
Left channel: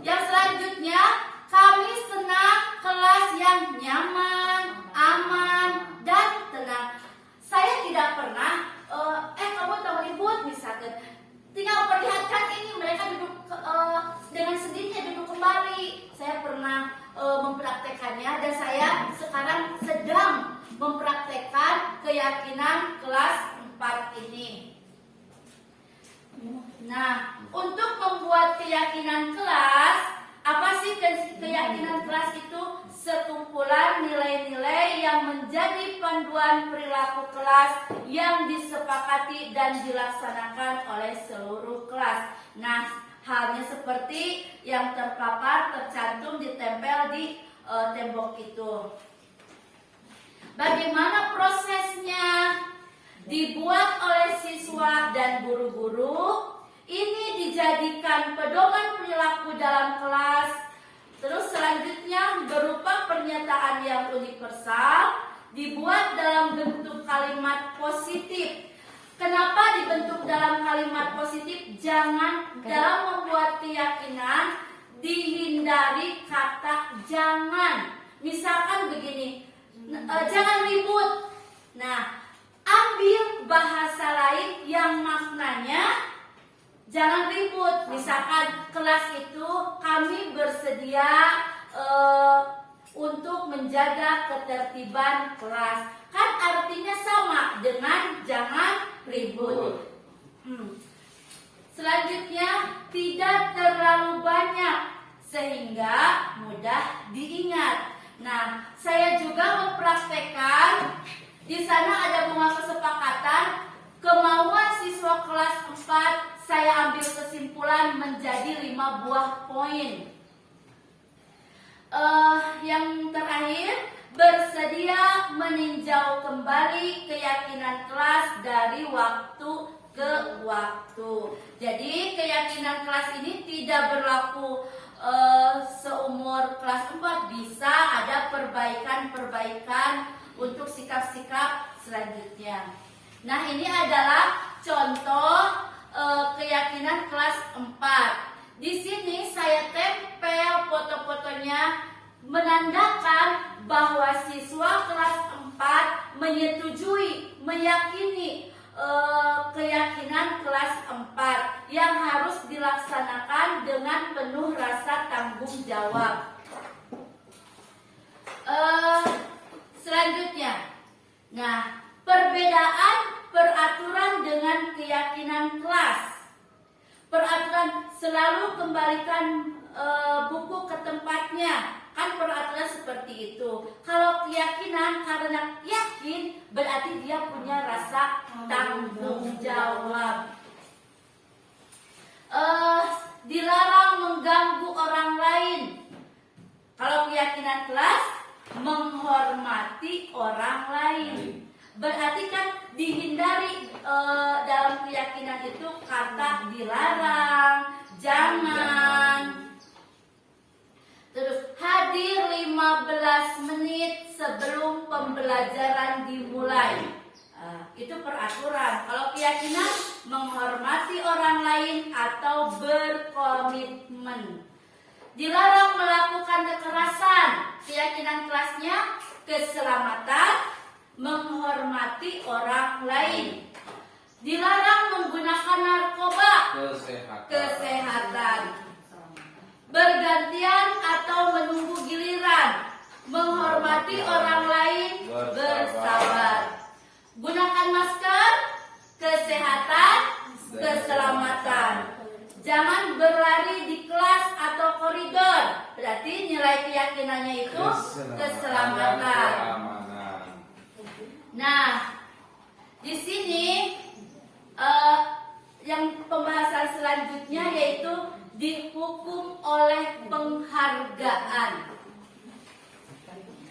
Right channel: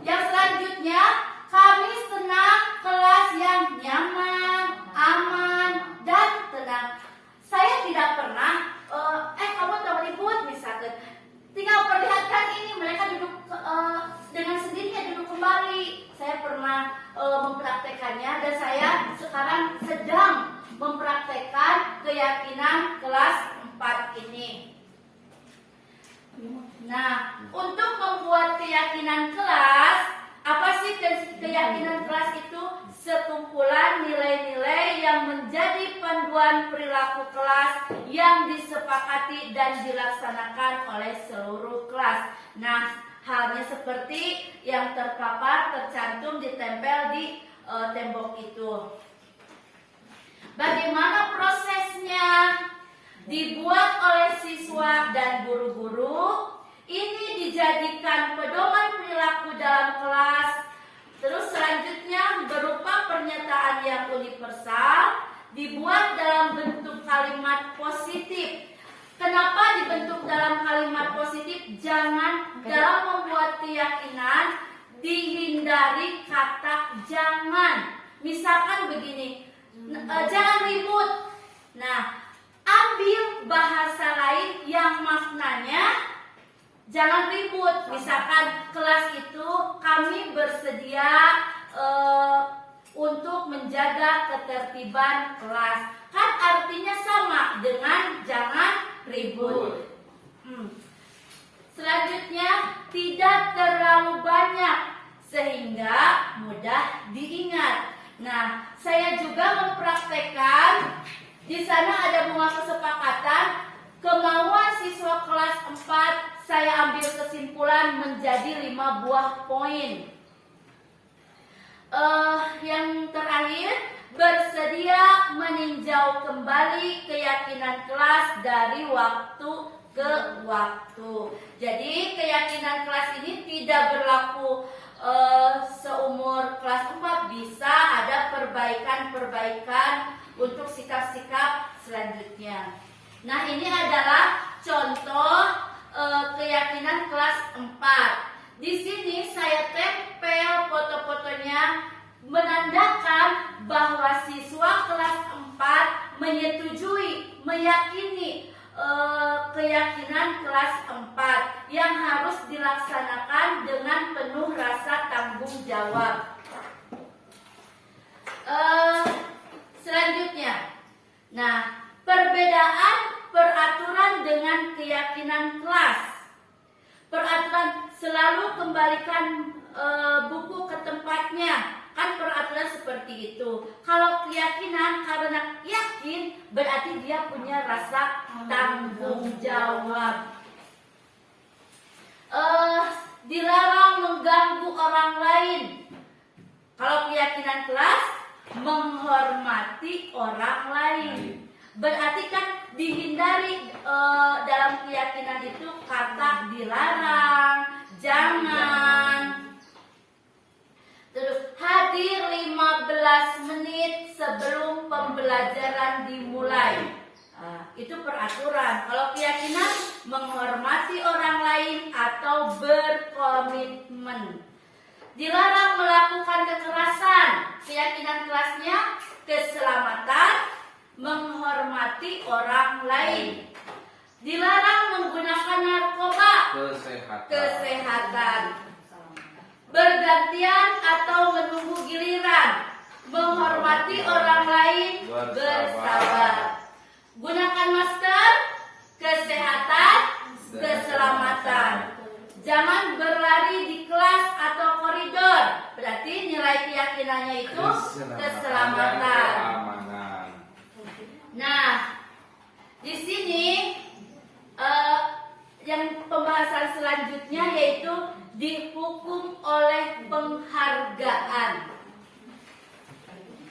Yang selanjutnya, kami senang kelas yang nyaman, aman, dan tenang. Saya tidak pernah kamu tahu ribut misalkan, tinggal perlihatkan ini mereka duduk dengan sendirinya duduk kembali. Saya pernah mempraktekannya dan saya sekarang sedang mempraktekkan keyakinan kelas 4 ini. Nah, untuk membuat keyakinan kelas, apa sih keyakinan kelas itu? Sekumpulan nilai-nilai yang menjadi panduan perilaku kelas yang disepakati dan dilaksanakan oleh seluruh kelas. Nah, halnya seperti yang terpapar, tercantum, ditempel di tembok itu. Bagaimana prosesnya? Dibuat oleh siswa dan guru-guru. Ini dijadikan pedoman perilaku dalam kelas. Terus selanjutnya berupa pernyataan yang universal, dibuat dalam bentuk kalimat positif. Kenapa dibentuk dalam kalimat positif? Jangan dalam membuat keyakinan dihindari kata jangan. Misalkan begini, jangan ribut. Nah, ambil bahasa lain yang maknanya jangan ribut. Misalkan kelas itu kami bersedia untuk menjaga ketertiban kelas. Kan artinya sama dengan jangan ribut. Selanjutnya tidak terlalu banyak sehingga mudah diingat. Nah, saya juga mempraktekkan. Di sana ada bunga kesepakatan kemauan siswa kelas 4. Saya ambil kesimpulan menjadi 5 buah poin. Yang terakhir, bersedia meninjau kembali keyakinan kelas dari waktu ke waktu. Jadi keyakinan kelas ini tidak berlaku seumur kelas 4. Bisa ada perbaikan-perbaikan untuk sikap-sikap selanjutnya. Nah, ini adalah contoh keyakinan kelas 4. Di sini saya tempel foto-fotonya menandakan bahwa siswa kelas 4 menyetujui, meyakini keyakinan kelas 4 yang harus dilaksanakan dengan penuh rasa tanggung jawab. Selanjutnya, nah, perbedaan peraturan dengan keyakinan kelas. Peraturan selalu kembalikan buku ke tempatnya. Kan peraturan seperti itu. Kalau keyakinan karena yakin berarti dia punya rasa tanggung jawab. Dilarang mengganggu orang lain. Kalau keyakinan kelas menghormati orang lain. Berarti kan dihindari dalam keyakinan itu kata dilarang, jangan. Terus hadir 15 menit sebelum pembelajaran dimulai. Itu peraturan. Kalau keyakinan menghormati orang lain atau berkomitmen. Dilarang melakukan kekerasan. Keyakinan kelasnya keselamatan, menghormati orang lain. Dilarang menggunakan narkoba. Kesehatan. Bergantian atau menunggu giliran. Menghormati orang lain. Bersabar. Gunakan masker. Kesehatan. Keselamatan. Jangan berlari di kelas atau koridor. Berarti nilai keyakinannya itu keselamatan. Nah, di sini yang pembahasan selanjutnya yaitu dihukum oleh penghargaan.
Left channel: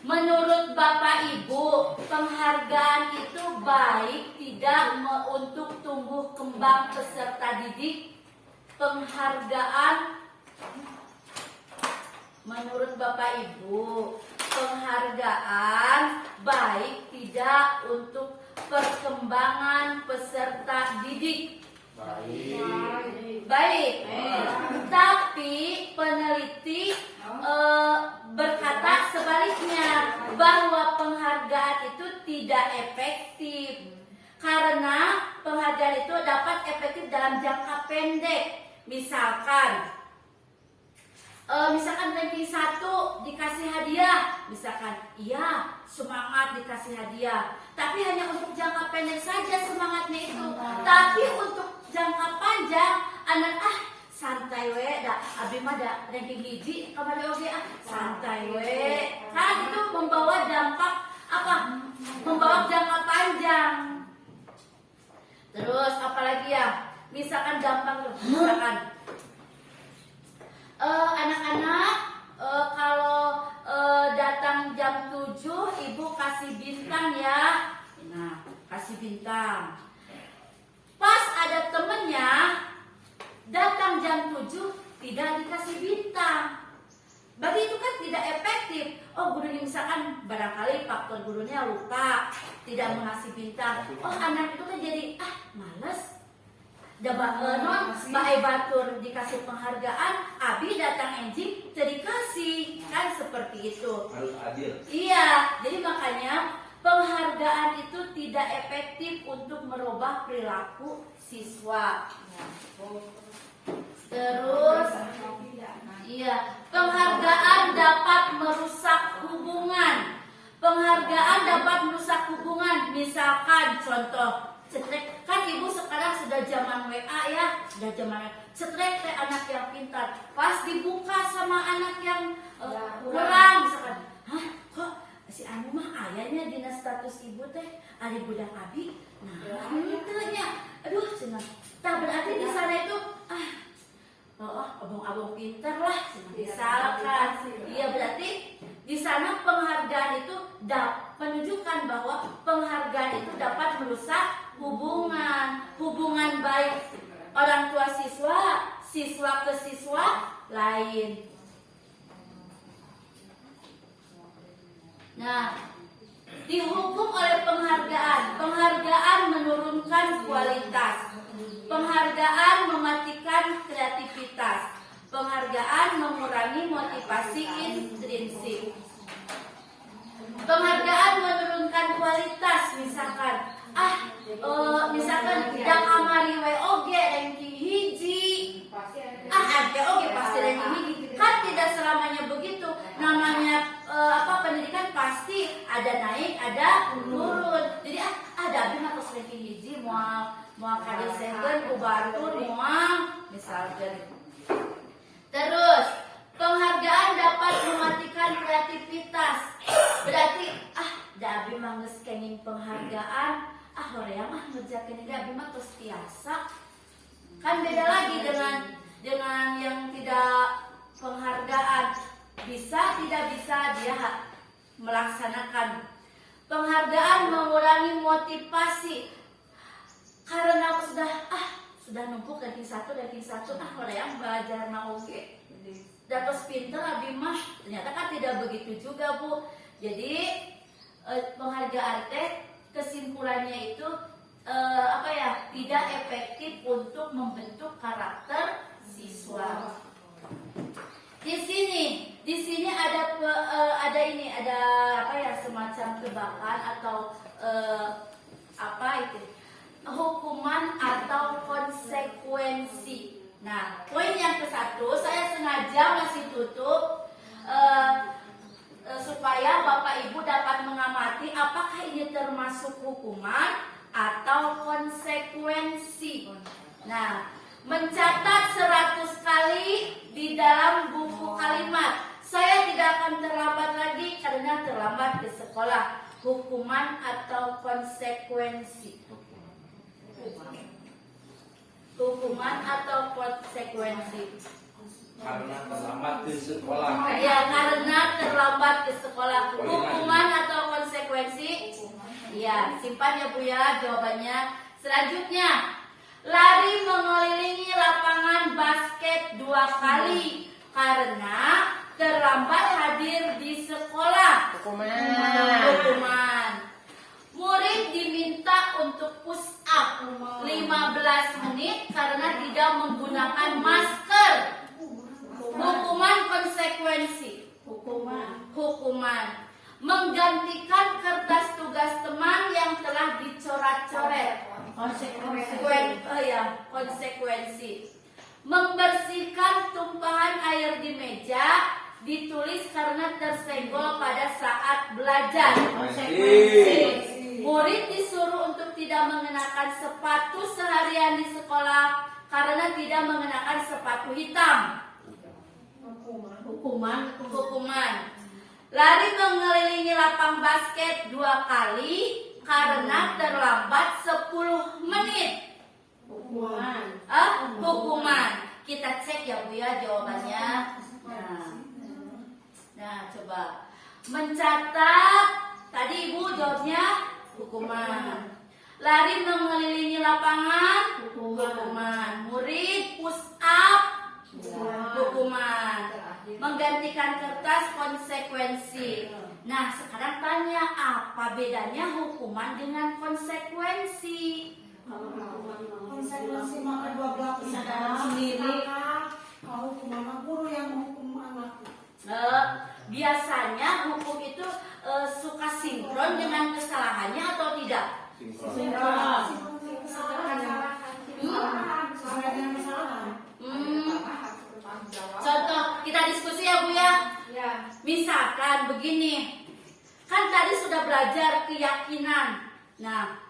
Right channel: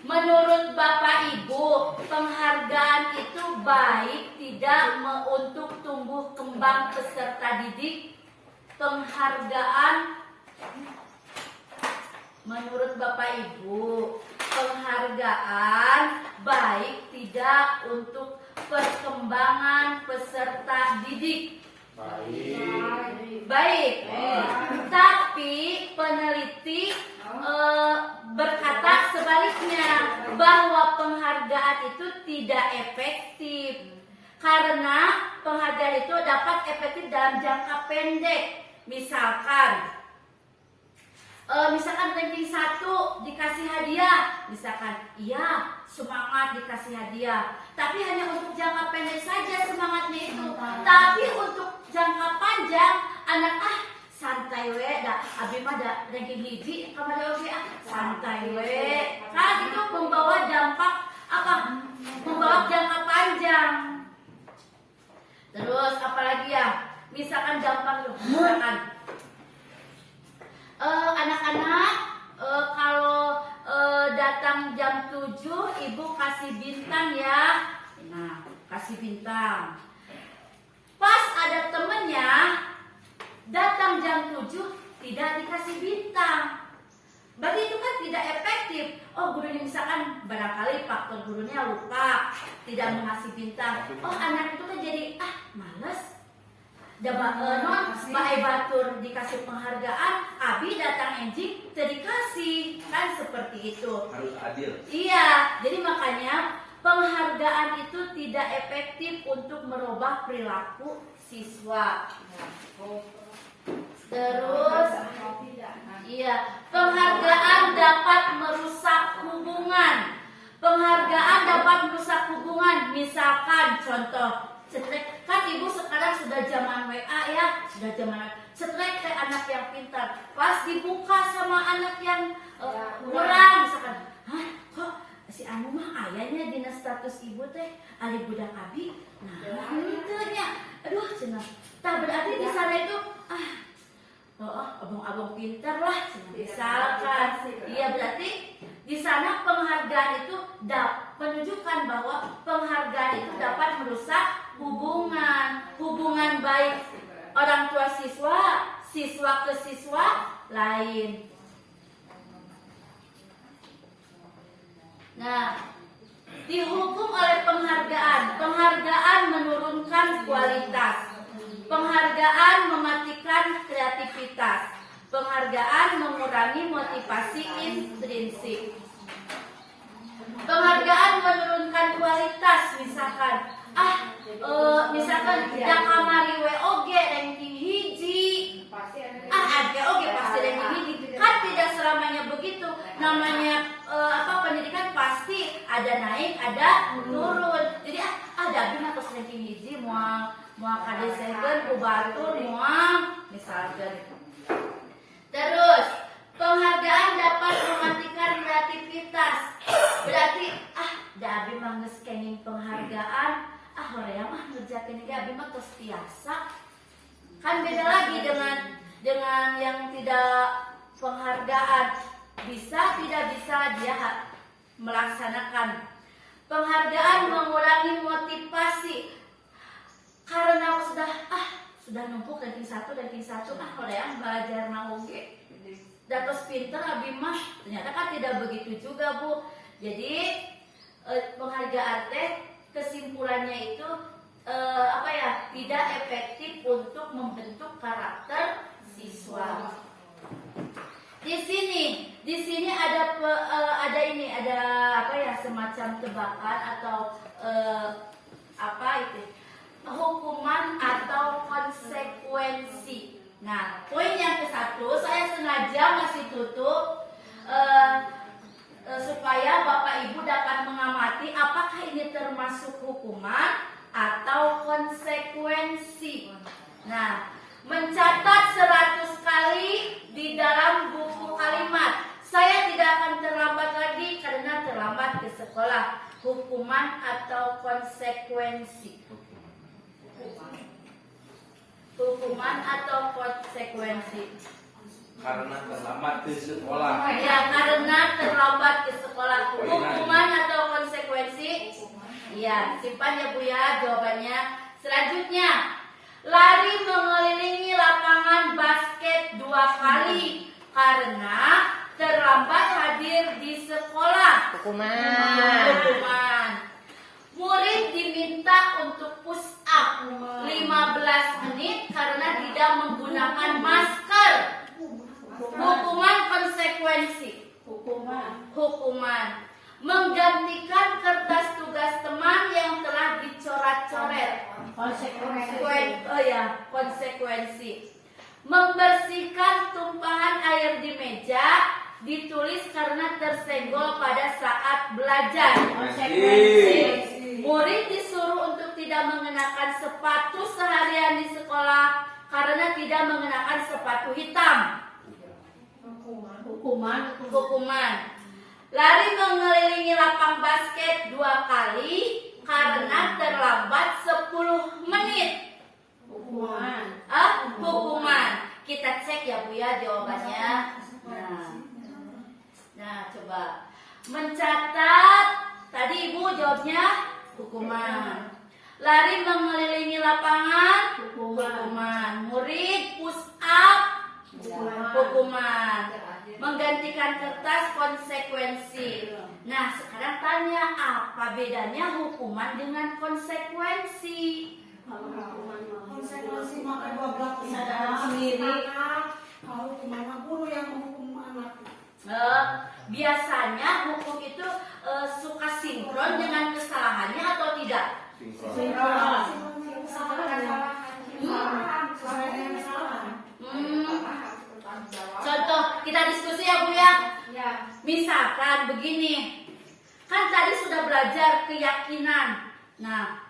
Menurut Bapak Ibu, penghargaan itu baik tidak untuk tumbuh kembang peserta didik. Penghargaan menurut Bapak Ibu, penghargaan baik tidak untuk perkembangan peserta didik. Baik. Tapi peneliti berkata sebaliknya, bahwa penghargaan itu tidak efektif. Karena penghargaan itu dapat efektif dalam jangka pendek. Misalkan ranking 1 dikasih hadiah, misalkan iya semangat dikasih hadiah, tapi hanya untuk jangka pendek saja semangatnya itu. Tapi untuk jangka panjang anak santai we dah, abi mah da ranking hiji kamari oge santai we, kan itu membawa dampak apa? hadiah. Misalkan gampang loh, misalkan anak-anak kalau datang jam 7 ibu kasih bintang ya. Nah, kasih bintang. Pas ada temennya datang jam 7 tidak dikasih bintang. Bagi itu kan tidak efektif. Oh, gurunya misalkan barangkali faktor gurunya lupa, tidak mengasih bintang. Oh, anak itu kan jadi males. Non Mbak Batur dikasih penghargaan, Abi datang enjing dikasih, kan seperti itu. Harus adil. Iya, jadi makanya penghargaan itu tidak efektif untuk merubah perilaku siswa. Terus, iya, penghargaan dapat merusak hubungan. Penghargaan dapat merusak hubungan. Misalkan contoh, cetrek, kan ibu sekarang sudah zaman WA ya, sudah zaman cetrek anak yang pintar. Pas dibuka sama anak yang kurang, misalkan, hah, kok si anu mah ayahnya dina status ibu teh ari budak abi. Nah, itu nya. Aduh, cenah. Tak berarti di sana itu abang-abang pintar lah, misalkan. Iya, berarti di sana penghargaan itu menunjukkan bahwa penghargaan itu dapat merusak hubungan baik orang tua siswa, siswa ke siswa lain. Nah, dihukum oleh penghargaan. Penghargaan menurunkan kualitas. Penghargaan mematikan kreativitas. Penghargaan mengurangi motivasi intrinsik. Penghargaan menurunkan kualitas, misalkan misalkan dak kamari we oge ranking hiji. Oge pasti ranking hiji. Kan tidak selamanya begitu. Namanya pendidikan pasti ada naik, ada turun. Jadi ada bina pas ranking hiji moal kadesekeun ku batur moal misalkan. Terus penghargaan dapat mematikan kreativitas. Berarti da abi mah geus kenging penghargaan, horeang ngerjakeun ge abi mah tos biasa. Kan beda lagi dengan yang tidak penghargaan. Bisa tidak bisa dia melaksanakan. Penghargaan mengurangi motivasi. Karena aku sudah numpuk ranking 1, horeang belajar mah oge. Datos pinter abi mah ternyata kan tidak begitu juga, Bu. Jadi penghargaan teh kesimpulannya itu tidak efektif untuk membentuk karakter siswa. Di sini ada semacam tebakan atau hukuman atau konsekuensi. Nah, poin yang ke-1 saya sengaja masih tutup supaya Bapak Ibu dapat mengamati apakah ini termasuk hukuman atau konsekuensi. Nah, mencatat 100 kali di dalam buku kalimat. Saya tidak akan terlambat lagi karena terlambat ke sekolah. Hukuman atau konsekuensi. Hukuman atau konsekuensi. Karena terlambat ke sekolah. Ya, karena terlambat ke sekolah. Hukuman atau konsekuensi? Ya, simpan ya Bu ya jawabannya. Selanjutnya, lari mengelilingi lapangan basket 2 kali karena terlambat hadir di sekolah. Hukuman. Murid diminta untuk push up 15 menit karena tidak menggunakan masker. Hukuman konsekuensi. Hukuman. Menggantikan kertas tugas teman yang telah dicoret-coret. Konsekuensi. Membersihkan tumpahan air di meja ditulis karena tersenggol pada saat belajar. Konsekuensi. Murid disuruh untuk tidak mengenakan sepatu seharian di sekolah karena tidak mengenakan sepatu hitam. Hukuman. Lari mengelilingi lapang basket 2 kali karena terlambat 10 menit. Hukuman. Kita cek ya Bu ya jawabannya. Nah, coba mencatat. Tadi Ibu jawabnya hukuman. Lari mengelilingi lapangan, hukuman. Murid push up, hukuman. Menggantikan kertas, konsekuensi. Nah, sekarang tanya, apa bedanya hukuman dengan konsekuensi? Konsekuensi maka dua belah kesadaran sendiri. Kalau hukuman guru yang menghukum anak. Biasanya hukum itu suka sinkron dengan kesalahannya atau tidak? Contoh, kita diskusi ya Bu ya. Misalkan begini, kan tadi sudah belajar keyakinan. Nah,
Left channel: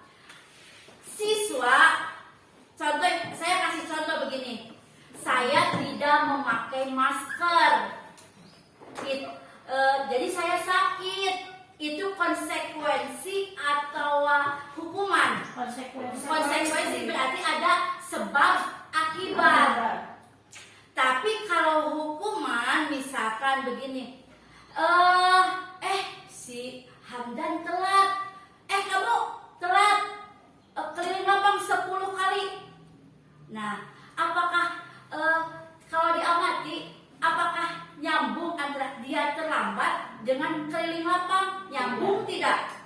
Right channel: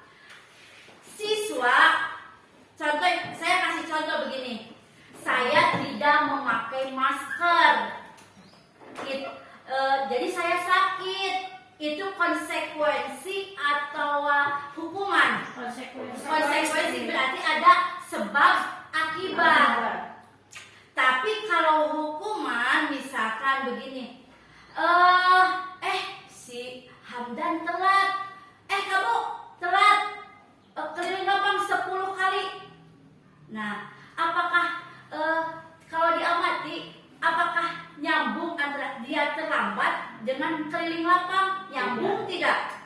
siswa, contoh, saya kasih contoh begini. Saya tidak memakai masker. Jadi saya sakit. Itu konsekuensi atau hukuman? Konsekuensi berarti ada sebab akibat. Tapi kalau hukuman misalkan begini, si Hamdan telat, kamu telat keliling lapang 10 kali. Nah, apakah kalau diamati, apakah nyambung antara dia terlambat dengan keliling lapang? Nyambung tidak?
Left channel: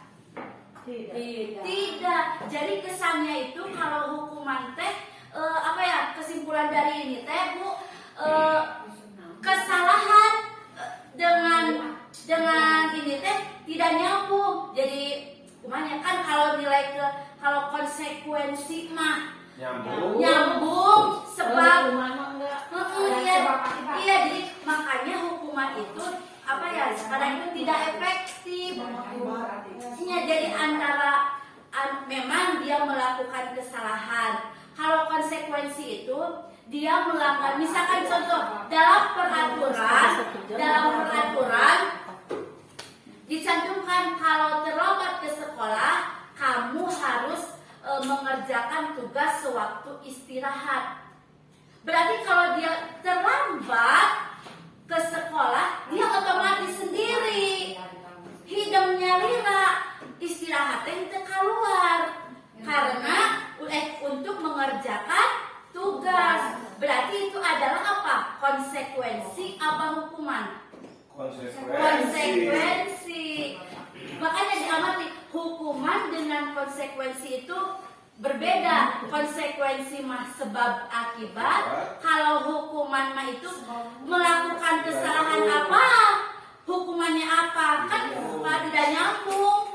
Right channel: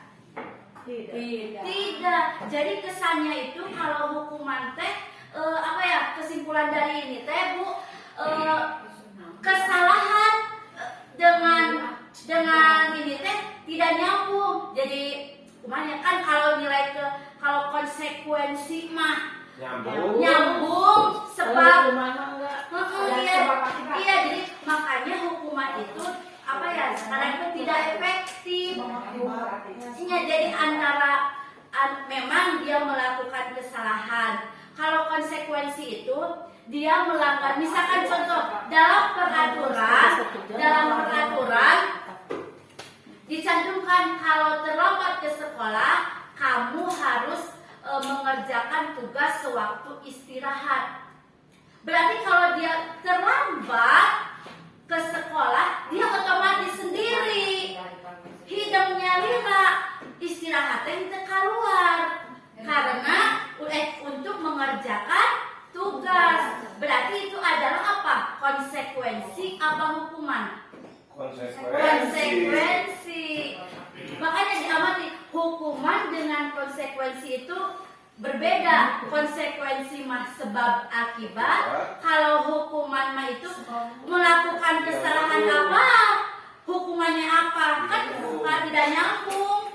Tidak. Jadi kesannya itu kalau hukuman teh kesimpulan dari ini teh Bu, kesalahan dengan ini teh tidak nyambung. Jadi kumanya kan kalau konsekuensi mah nyambung sebab iya, jadi makanya hukuman itu sekarang itu tidak efektif. Jadi memang dia melakukan kesalahan. Kalau konsekuensi itu dia melanggar, misalkan contoh dalam peraturan dicantumkan kalau terlambat ke sekolah kamu harus mengerjakan tugas sewaktu istirahat. Berarti kalau dia terlambat ke sekolah, dia otomatis sendiri hidungnya lila, istirahatnya kita keluar karena untuk mengerjakan tugas. Berarti itu adalah apa? Konsekuensi apa hukuman? Konsekuensi. Makanya diamati, hukuman dengan konsekuensi itu berbeda. Konsekuensi mah sebab akibat. Kalau hukuman mah itu melakukan kesalahan apa, hukumannya apa, kan tidak nyambung.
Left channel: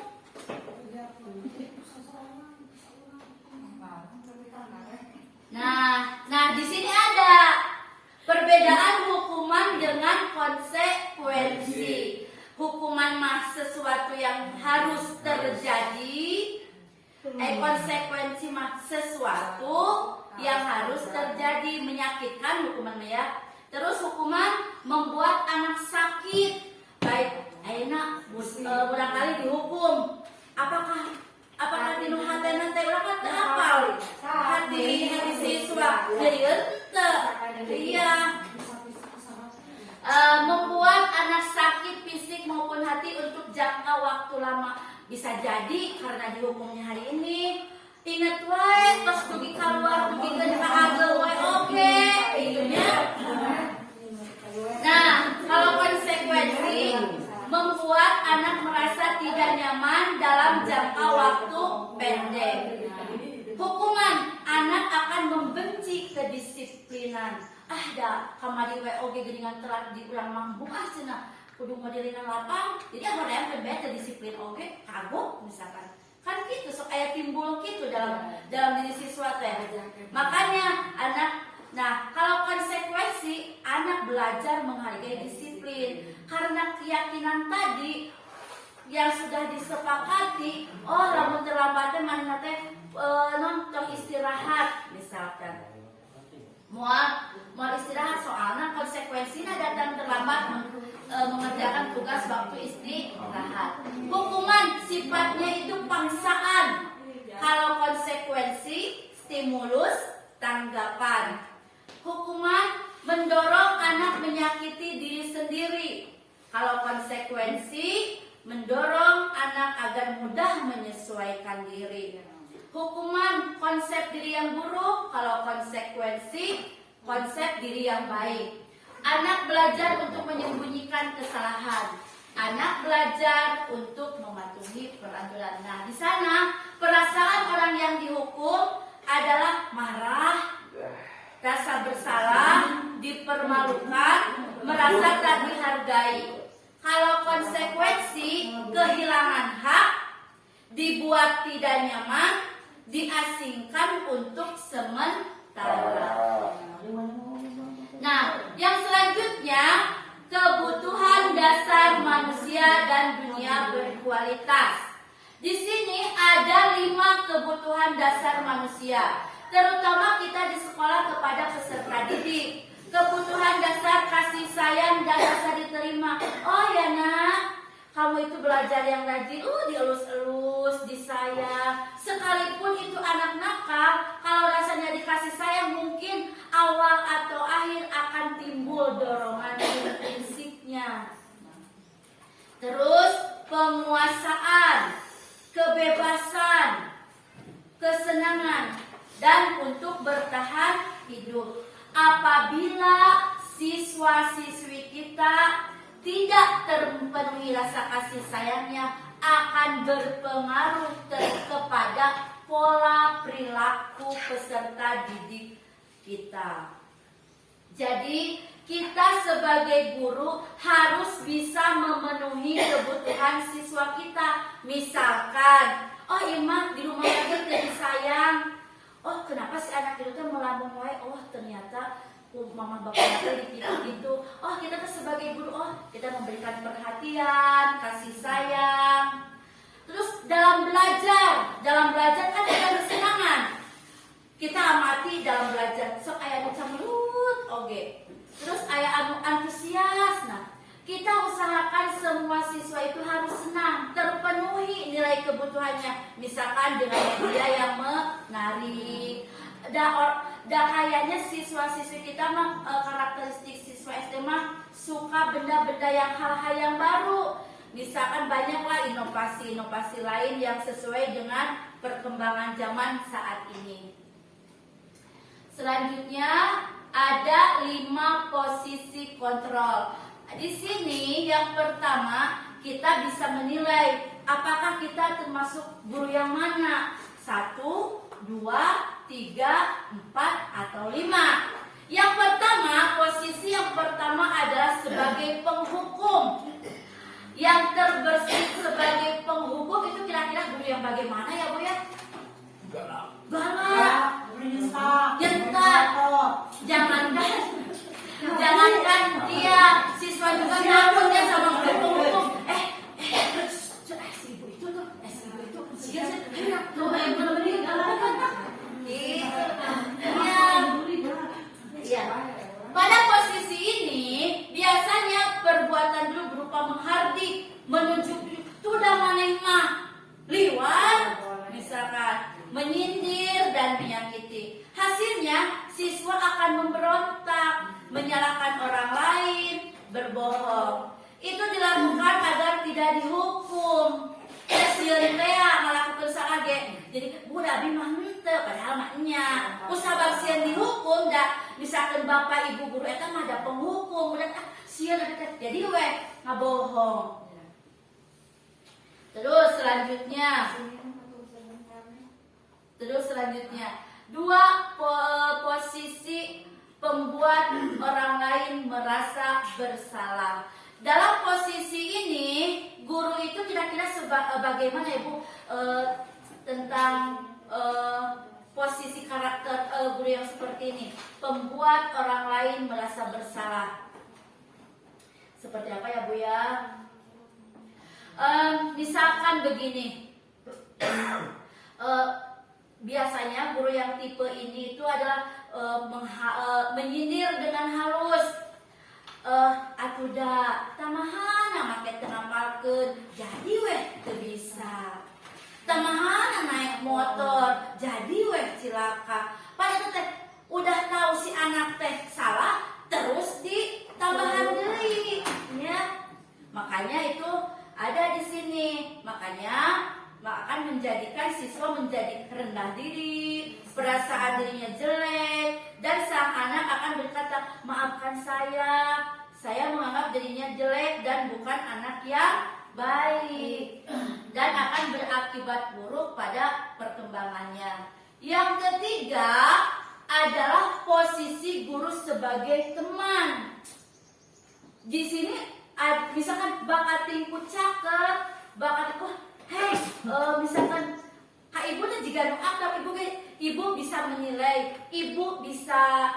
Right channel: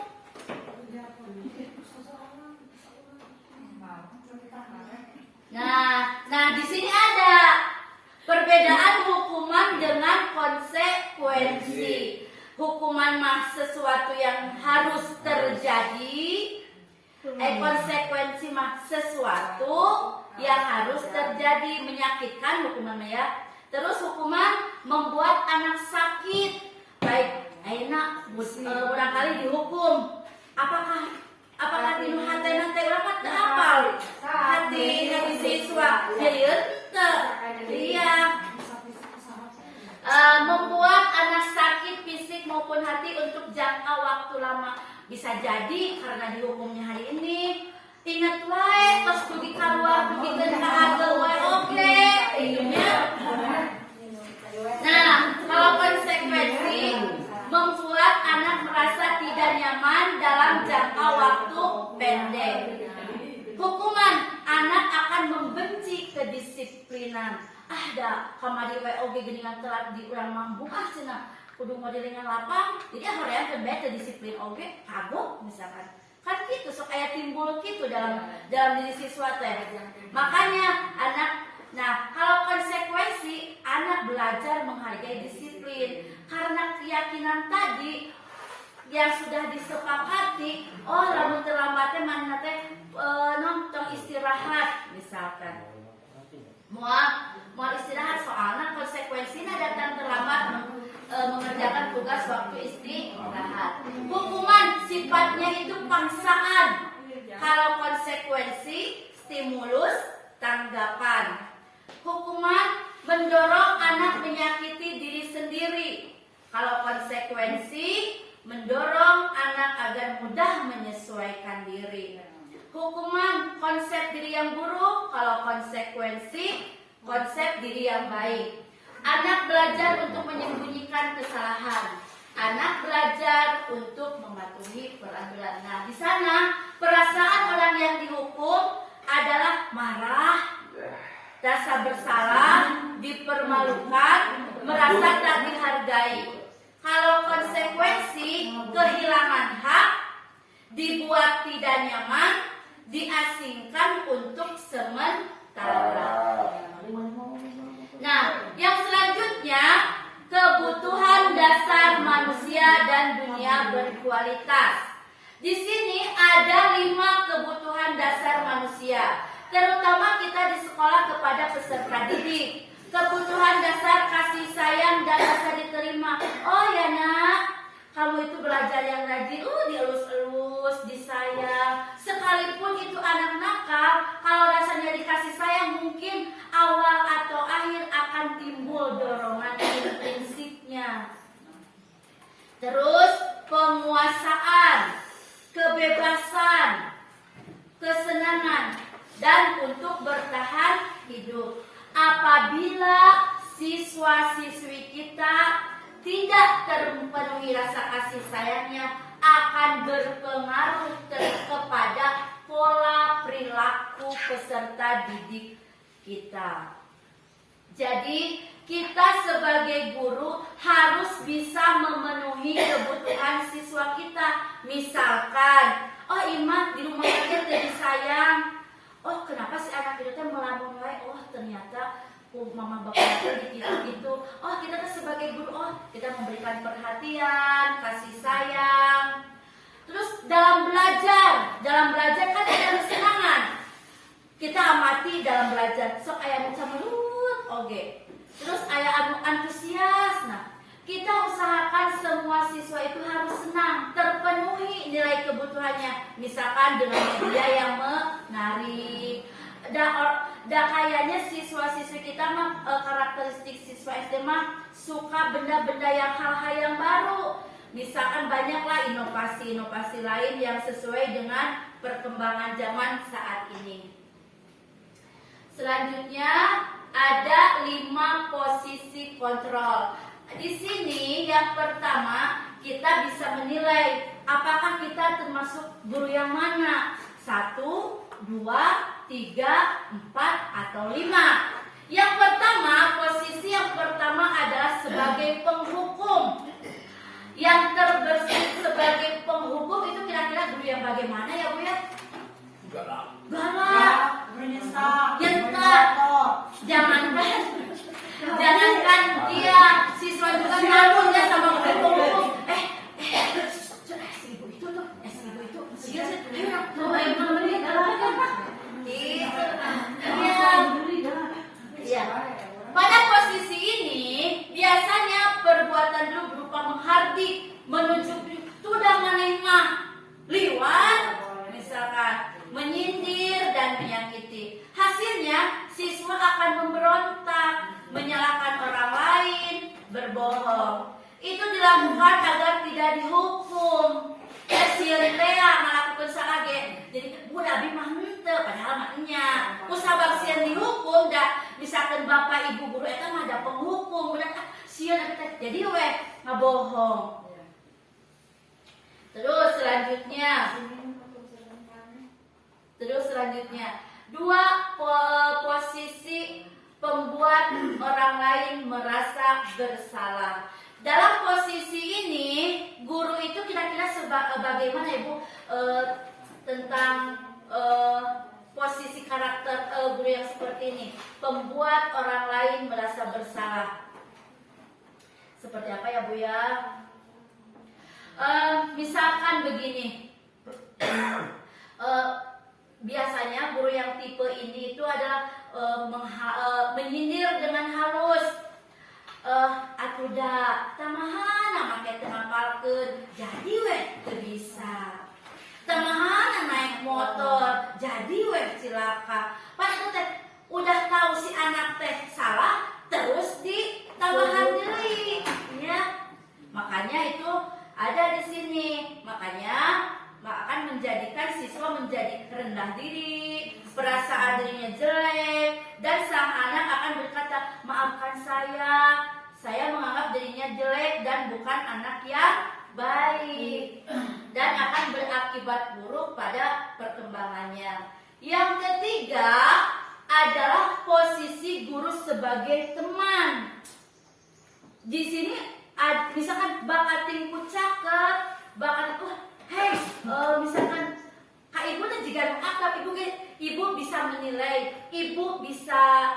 Nah di sini ada perbedaan hukuman dengan konsekuensi. Hukuman mah sesuatu yang harus terjadi. Konsekuensi mah sesuatu yang harus terjadi, menyakitkan hukuman ya. Terus hukuman membuat anak sakit. Baik, enak barangkali dihukum. Apakah tinu hatena teh urang teh apal? Hati siswa jadi ente. Iya. Membuat anak sakit fisik maupun hati untuk jangka waktu lama. Bisa jadi karena dihukumnya hari ini. Ingat wae pas pergi keluar pergi ke agel wae oke. Nah, kalau konsekuensi membuat anak merasa tidak nyaman dalam jangka waktu pendek. Hukuman, anak akan membenci kedisiplinan. Kamari we oge geuningan telat di urang mambu cenah. Kudu modelingan lapang. Jadi hoream teh bae disiplin oge kagok misalkan. Kan gitu sok aya timbul gitu dalam diri siswa teh. Makanya kalau konsekuensi anak belajar menghargai disiplin karena keyakinan tadi yang sudah disepakati. Lamun terlambatnya mana teh nonton istirahat misalkan. Mau istirahat soalnya konsekuensinya datang terlambat mengerjakan tugas waktu istirahat. Hukuman sifatnya itu paksaan. Kalau konsekuensi stimulus tanggapan. Hukuman mendorong anak menyakiti diri sendiri. Kalau konsekuensi mendorong anak agar mudah menyesuaikan diri. Hukuman konsep diri yang buruk, kalau konsekuensi konsep diri yang baik. Anak belajar untuk menyembunyikan kesalahan. Anak belajar untuk mematuhi peraturan. Nah, di sana perasaan orang yang dihukum adalah marah, rasa bersalah, dipermalukan, merasa tak dihargai. Kalau konsekuensi kehilangan hak, dibuat tidak nyaman, diasingkan untuk sementara. Nah, yang selanjutnya kebutuhan dasar manusia dan dunia berkualitas. Di sini ada 5 kebutuhan dasar manusia, terutama kita di sekolah kepada peserta didik. Kebutuhan dasar kasih sayang dan rasa diterima. Oh ya nak, kamu itu belajar yang rajin, dielus-elus, disayang. Sekalipun itu anak nakal, kalau rasanya dikasih sayang mungkin awal atau akhir akan timbul dorongan intrinsipnya. Terus penguasaan, kebebasan, kesenangan, dan untuk bertahan hidup. Apabila siswa-siswi kita tidak terpenuhi rasa kasih sayangnya, akan berpengaruh kepada pola perilaku peserta didik kita. Jadi kita sebagai guru harus bisa memenuhi kebutuhan siswa kita. Misalkan, oh Ima di rumah aja jadi sayang. Oh kenapa si anak itu melamun wae? Oh ternyata mama bapaknya gitu. Oh kita tuh sebagai guru, oh kita memberikan perhatian, kasih sayang. Terus dalam belajar kan ada kesenangan. Kita amati dalam belajar. So aya nu samelut oge. Terus aya anu antusias. Nah, kita usahakan semua siswa itu harus senang, terpenuhi nilai kebutuhannya. Misalkan dengan media yang menarik. Kayaknya siswa-siswi kita mah karakteristik siswa SD mah suka benda-benda yang hal-hal yang baru. Misalkan banyaklah inovasi-inovasi lain yang sesuai dengan perkembangan zaman saat ini. Selanjutnya ada 5 posisi kontrol. Di sini yang pertama kita bisa menilai apakah kita termasuk guru yang mana. 1, 2, 3, 4, atau 5. Yang pertama, posisi yang pertama adalah sebagai penghukum. Yang terbersih sebagai penghukum itu kira-kira guru yang bagaimana ya Bu ya? Galak. Nyentak. Jangankan dia, siswa juga nyamun ya sama guru penghukum. Si ibu itu tuh, Iya. Pada posisi ini biasanya perbuatan dulu berupa menghardik, menunjuk sudah maneh mah liwat, misalkan menyindir dan menyakiti. Hasilnya siswa akan memberontak, menyalahkan orang lain, berbohong. Itu dilakukan agar tidak dihukum. Sieun teh malakukeun salah ge. Jadi budak abi mah henteu padahal mah nya. Usah sieun dihukum da misalkan bapak ibu guru eta mah ada penghukum, budak sieun teh jadi we ngabohong. Terus selanjutnya 2 posisi pembuat orang lain merasa bersalah. Dalam posisi ini, guru itu kira-kira bagaimana Ibu tentang posisi karakter guru yang seperti ini, pembuat orang lain merasa bersalah. Seperti apa ya Bu ya? Misalkan begini, biasanya guru yang tipe ini itu adalah menyindir dengan halus. Atuh da tamahana make teu ngapalkeun jadi we teu bisa. Tamahana naik motor jadi weh cilaka. Padahal teh udah tahu si anak teh salah, terus ditambahan deui, ya. Makanya itu ada di sini. Makanya akan menjadikan siswa menjadi rendah diri, perasaan dirinya jelek, dan sang anak akan berkata, maafkan saya menganggap dirinya jelek dan bukan anak yang baik, dan akan berakibat buruk pada perkembangannya. Yang ketiga adalah posisi guru sebagai teman. Di sini misalkan bakat tingku cakep, bakat misalkan kak ibu dan jika akap ibu bisa menilai, ibu bisa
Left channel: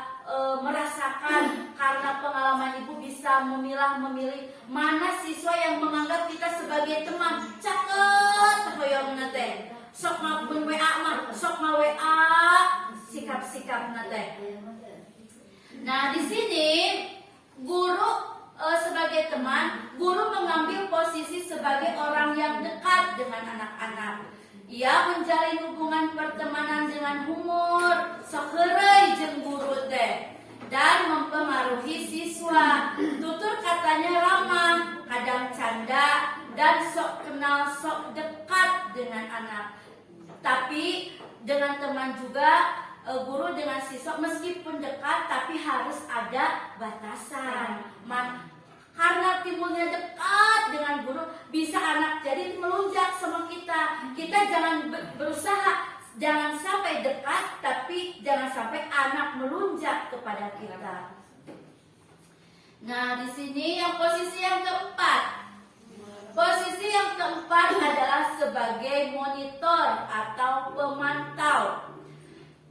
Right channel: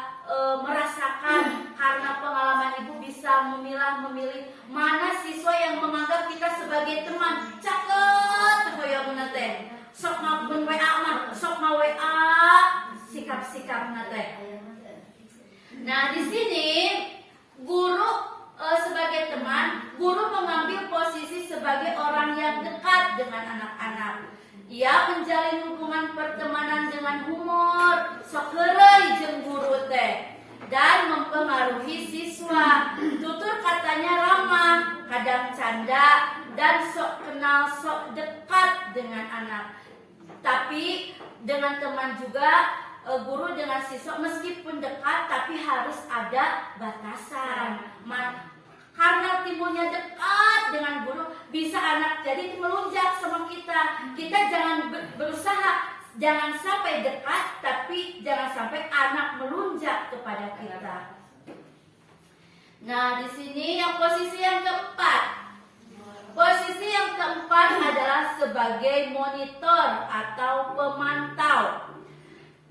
merasakan, karena pengalaman ibu bisa memilih mana siswa yang menganggap kita sebagai teman. Cakep ya meneteh, sok maupun WA mah, sok ma WA sikap-sikap meneteh. Nah di sini guru sebagai teman, guru mengambil posisi sebagai orang yang dekat dengan anak-anak. Ia menjalin hubungan pertemanan dengan humor, sok heureuy jeung guru teh, dan mempengaruhi siswa. Tutur katanya ramah, kadang canda, dan sok kenal, sok dekat dengan anak. Tapi dengan teman juga, guru dengan siswa meskipun dekat tapi harus ada batasan. Karena timbulnya dekat dengan guru, bisa anak jadi melunjak sama kita. Kita jangan berusaha, jangan sampai dekat, tapi jangan sampai anak melunjak kepada kita. Nah, di sini yang posisi yang keempat. Posisi yang keempat adalah sebagai monitor atau pemantau.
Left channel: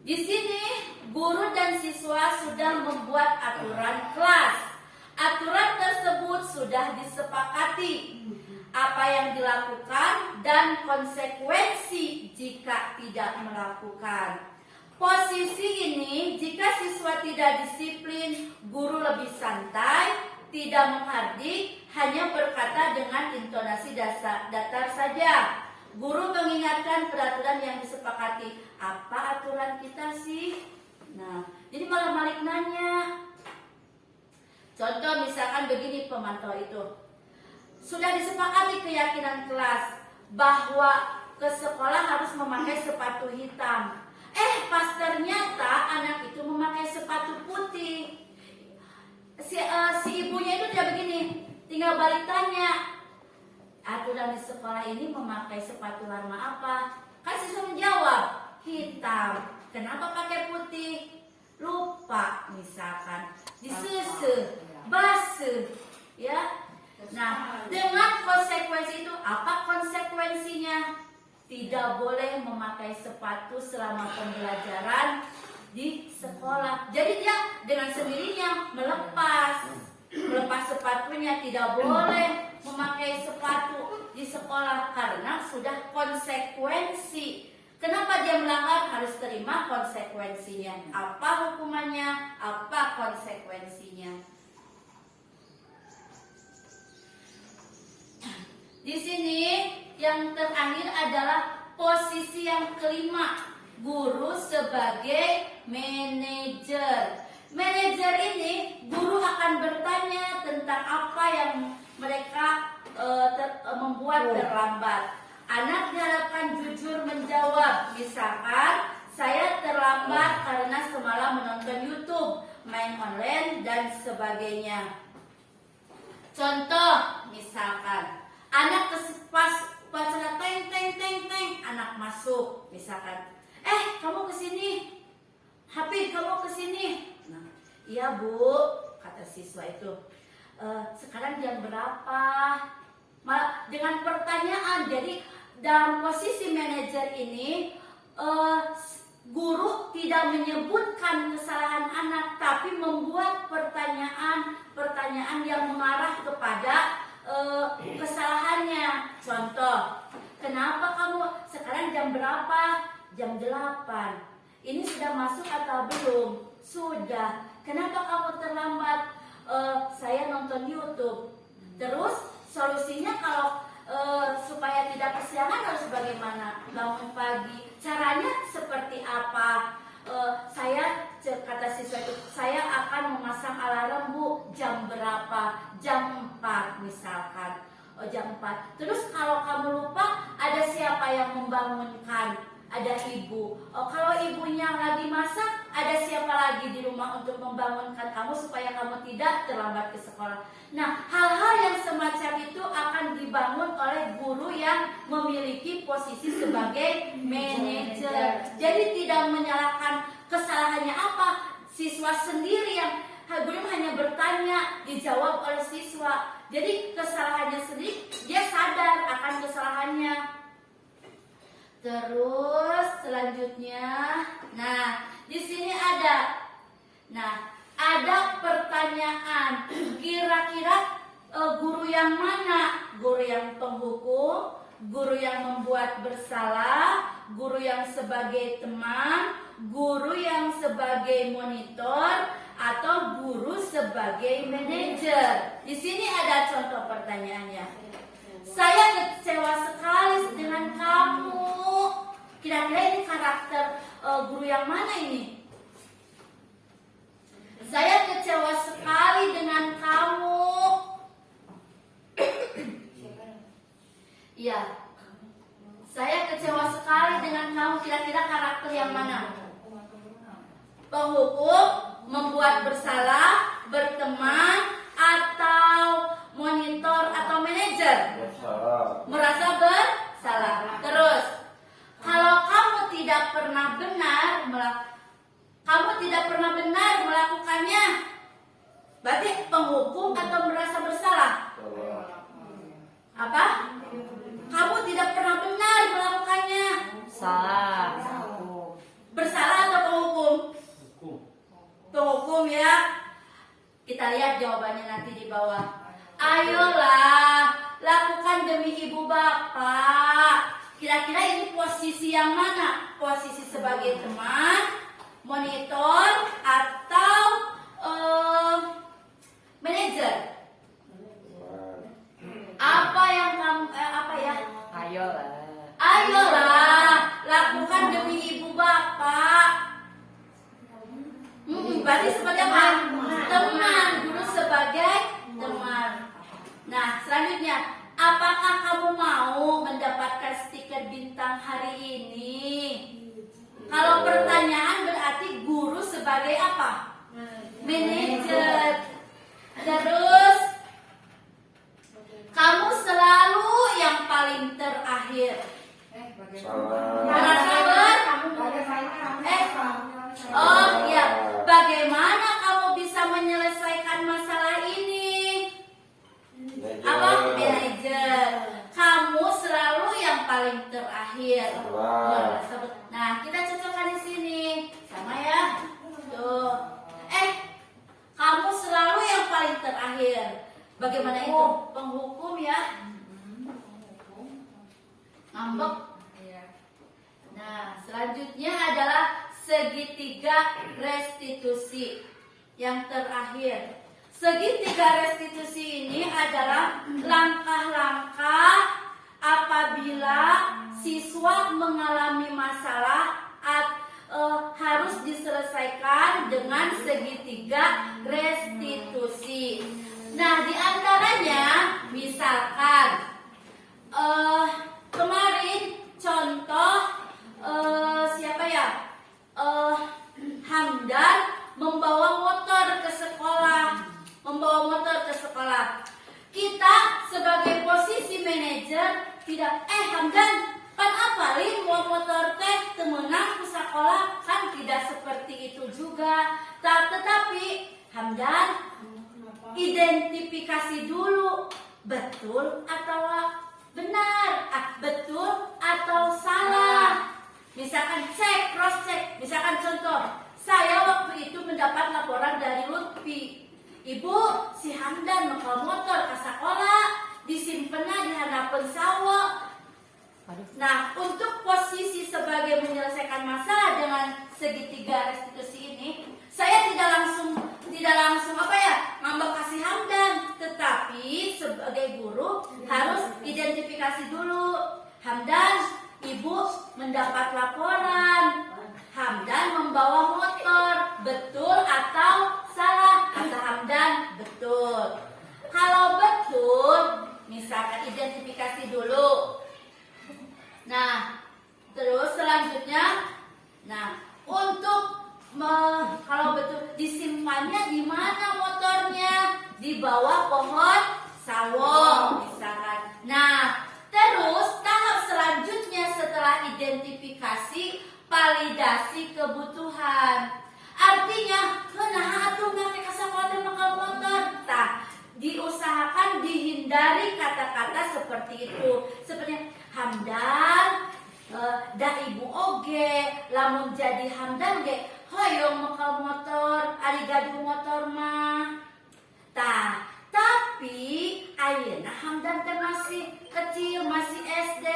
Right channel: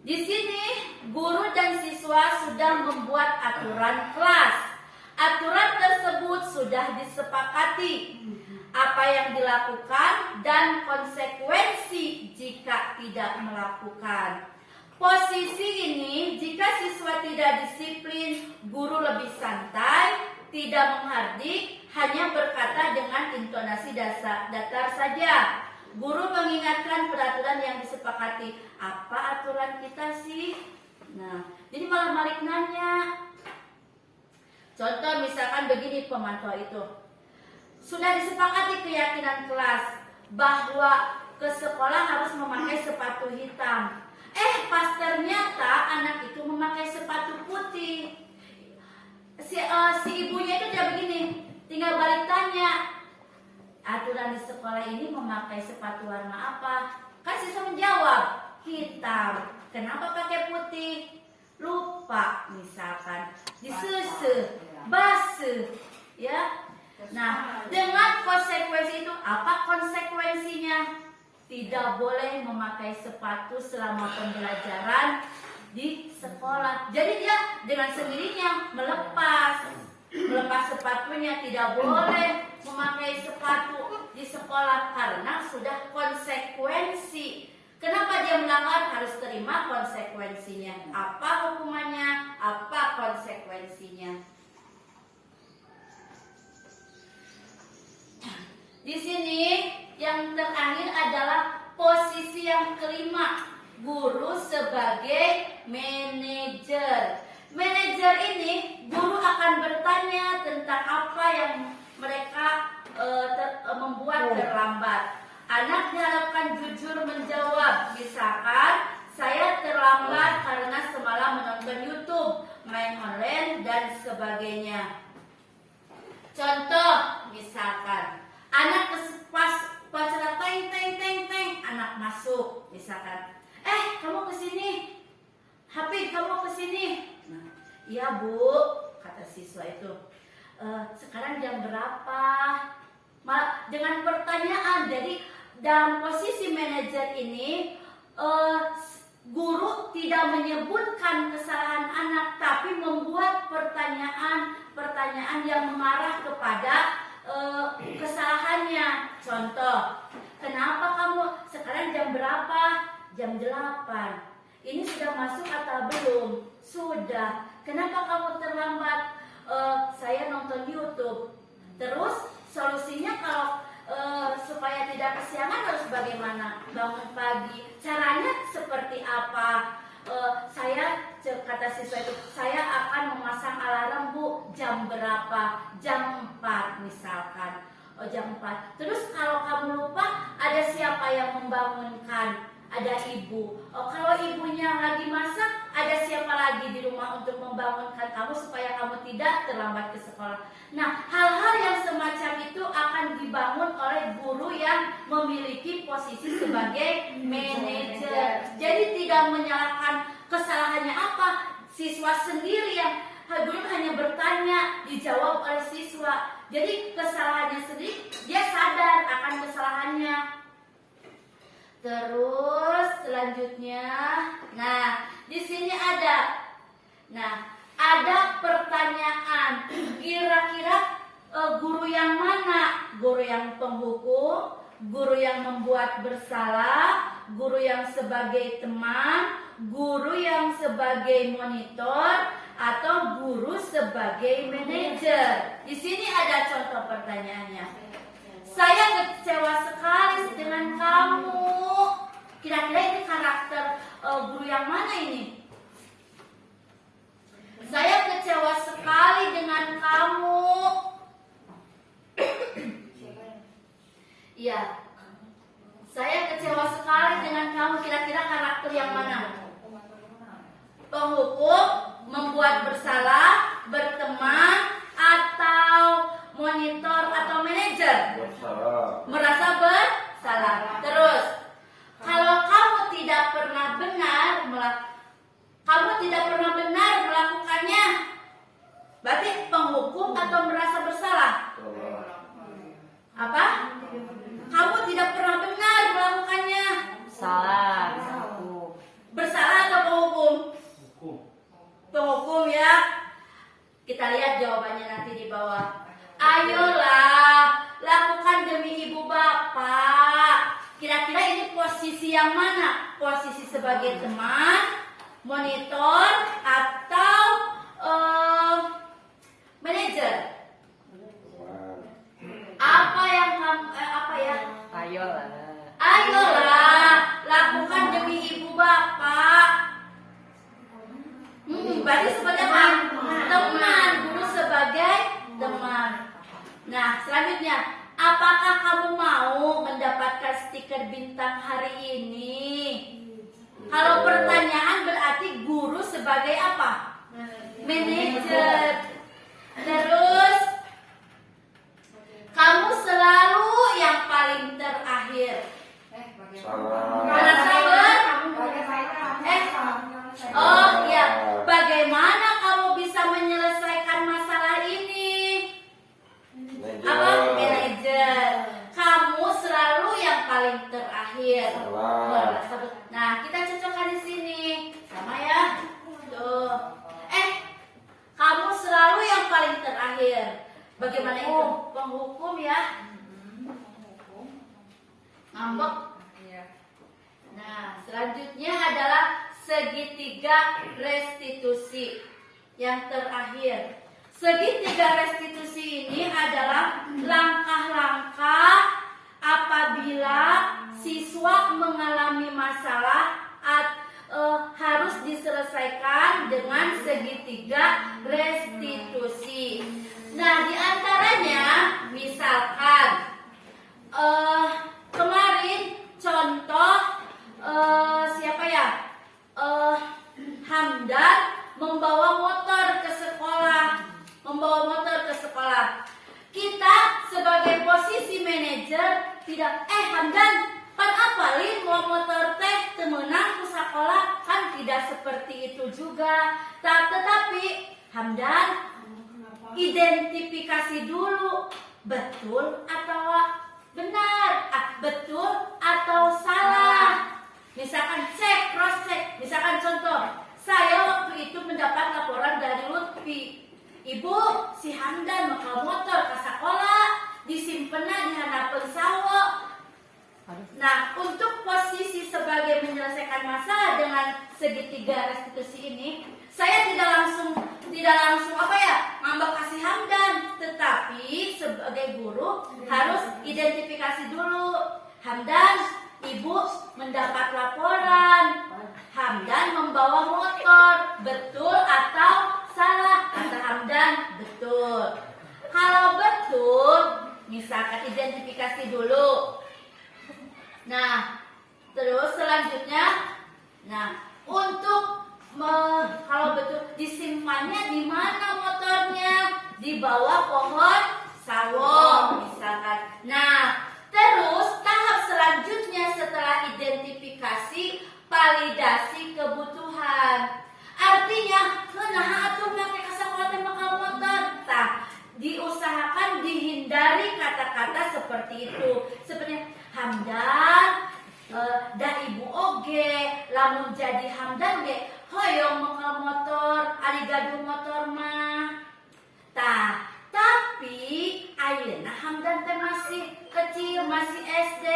Di sini guru dan siswa sudah membuat aturan kelas. Aturan tersebut sudah disepakati, apa yang dilakukan dan konsekuensi jika tidak melakukan. Posisi ini, jika siswa tidak disiplin, guru lebih santai, tidak menghardik, hanya berkata dengan intonasi datar saja. Guru mengingatkan peraturan yang disepakati. Apa aturan kita sih? Nah, jadi malah balik nanya. Contoh misalkan begini pemantau itu. Sudah disepakati keyakinan kelas bahwa ke sekolah harus memakai sepatu hitam. Pas ternyata anak itu memakai sepatu putih. Si ibunya itu dia begini, tinggal balik tanya, aturan di sekolah ini memakai sepatu warna apa? Kan siswa menjawab, hitam. Kenapa pakai putih? Lupa misalkan, disusu, basuh, ya. Nah, dengan konsekuensi itu, apa konsekuensinya? Tidak boleh memakai sepatu selama pembelajaran di sekolah. Jadi dia dengan sendirinya melepas sepatunya, tidak boleh memakai sepatu di sekolah karena sudah konsekuensi. Kenapa dia melanggar? Harus terima konsekuensinya. Apa hukumannya? Apa konsekuensinya? Di sini yang terakhir adalah posisi yang kelima, guru sebagai manajer. Manajer ini guru akan bertanya tentang apa yang mereka membuat terlambat. Anak diharapkan jujur menjawab, misalkan saya terlambat karena semalam menonton YouTube, main online dan sebagainya. Contoh, misalkan anak pas acara teng, anak masuk, misalkan, kamu kesini, Hafid kamu kesini. Nah, iya bu, kata siswa itu. Sekarang jam berapa? Dengan pertanyaan, jadi dalam posisi manajer ini, guru tidak menyebutkan kesalahan anak, tapi membuat pertanyaan yang mengarah kepada kesalahannya. Contoh, kenapa kamu sekarang jam berapa? Jam 8. Ini sudah masuk atau belum? Sudah. Kenapa kamu terlambat? Saya nonton YouTube. Terus solusinya kalau supaya tidak kesiangan harus bagaimana? bagaimana bangun pagi, caranya seperti apa? Kata siswa itu, saya akan memasang alarm Bu, jam berapa? Jam 4 misalkan. Oh, jam 4. Terus kalau kamu lupa, ada siapa yang membangunkan? Ada ibu. Oh, kalau ibunya lagi masak, ada siapa lagi di rumah untuk membangunkan kamu supaya kamu tidak terlambat ke sekolah. Nah, hal-hal yang semacam itu akan dibangun oleh guru yang memiliki posisi sebagai manajer. Jadi tidak menyalahkan kesalahannya apa, siswa sendiri yang guru hanya bertanya, dijawab oleh siswa. Jadi kesalahannya sendiri, dia sadar akan kesalahannya. Terus selanjutnya, nah di sini ada pertanyaan. Kira-kira guru yang mana? Guru yang penghukum, guru yang membuat bersalah, guru yang sebagai teman, guru yang sebagai monitor, atau guru sebagai manajer? Di sini ada contoh pertanyaannya. Saya kecewa sekali dengan kamu. Kira-kira ini karakter guru yang mana ini? Saya kecewa sekali dengan kamu. Iya. Saya kecewa sekali dengan kamu. Kira-kira karakter yang mana? Penghukum, membuat bersalah, berteman, atau monitor atau manajer? Merasa bersalah. Terus, kalau kamu tidak pernah benar melakukannya, berarti penghukum atau merasa bersalah? Apa? Kamu tidak pernah benar melakukannya. Salah. Bersalah atau penghukum? Penghukum ya. Kita lihat jawabannya nanti di bawah. Ayolah, lakukan demi ibu bapak. Kira-kira ini posisi yang mana? Posisi sebagai teman, monitor, atau manajer? Apa yang kamu Ayolah, lakukan demi ibu bapak. Berarti sebagai teman, guru sebagai teman. Nah, selanjutnya, apakah kamu mau mendapatkan stiker bintang hari ini? Kalau pertanyaan berarti guru sebagai apa? Manajer. Terus, kamu selalu yang paling terakhir. Oh ya, bagaimana kamu bisa menyelesaikan masalah ini? Apa? Manajer. Kamu selalu yang paling terakhir. Nah, kita cocokkan di sini, sama ya. Tuh. Kamu selalu yang paling terakhir. Bagaimana itu? Penghukum ya? Ngambek. Nah, selanjutnya adalah segitiga restitusi. Yang terakhir, segitiga restitusi ini adalah langkah-langkah apabila siswa mengalami masalah harus diselesaikan dengan segitiga restitusi. Nah, diantaranya misalkan kemarin contoh siapa ya? Hamdan membawa motor ke sekolah. Kita sebagai posisi manajer tidak Hamdan kan apalin bawa motor teh temenang ke sekolah, kan tidak seperti itu juga. Tetapi Hamdan identifikasi dulu, betul atau benar, betul atau salah. Misalkan cek, cross check. Misalkan contoh, saya waktu itu mendapat laporan dari Lutfi, Ibu, si Hamdan membawa motor ke sekolah, disimpennya di hadapan sawah. Nah, untuk posisi sebagai menyelesaikan masalah dengan segitiga restitusi ini, saya tidak langsung ngambek kasih Hamdan, tetapi sebagai guru harus identifikasi dulu. Hamdan, Ibu mendapat laporan Hamdan membawa motor. Betul atau salah? Kata Hamdan, betul. Kalau betul, misalkan identifikasi dulu. Nah, terus selanjutnya, nah untuk kalau betul disimpannya di mana motornya? Di bawah pohon sawo, misalkan. Nah, terus tahap selanjutnya setelah identifikasi, validasi kebutuhan. Artinya, nah atuh ngake kasangkatan bakal motor. Tah, diusahakan dihindari kata-kata seperti itu. Seperti Hamdan, da ibu oge, lamun jadi Hamdan ge, hoyong bakal motor, ari gaduh motor mah. Tah, tapi ayeuna Hamdan kan masih kecil, masih SD,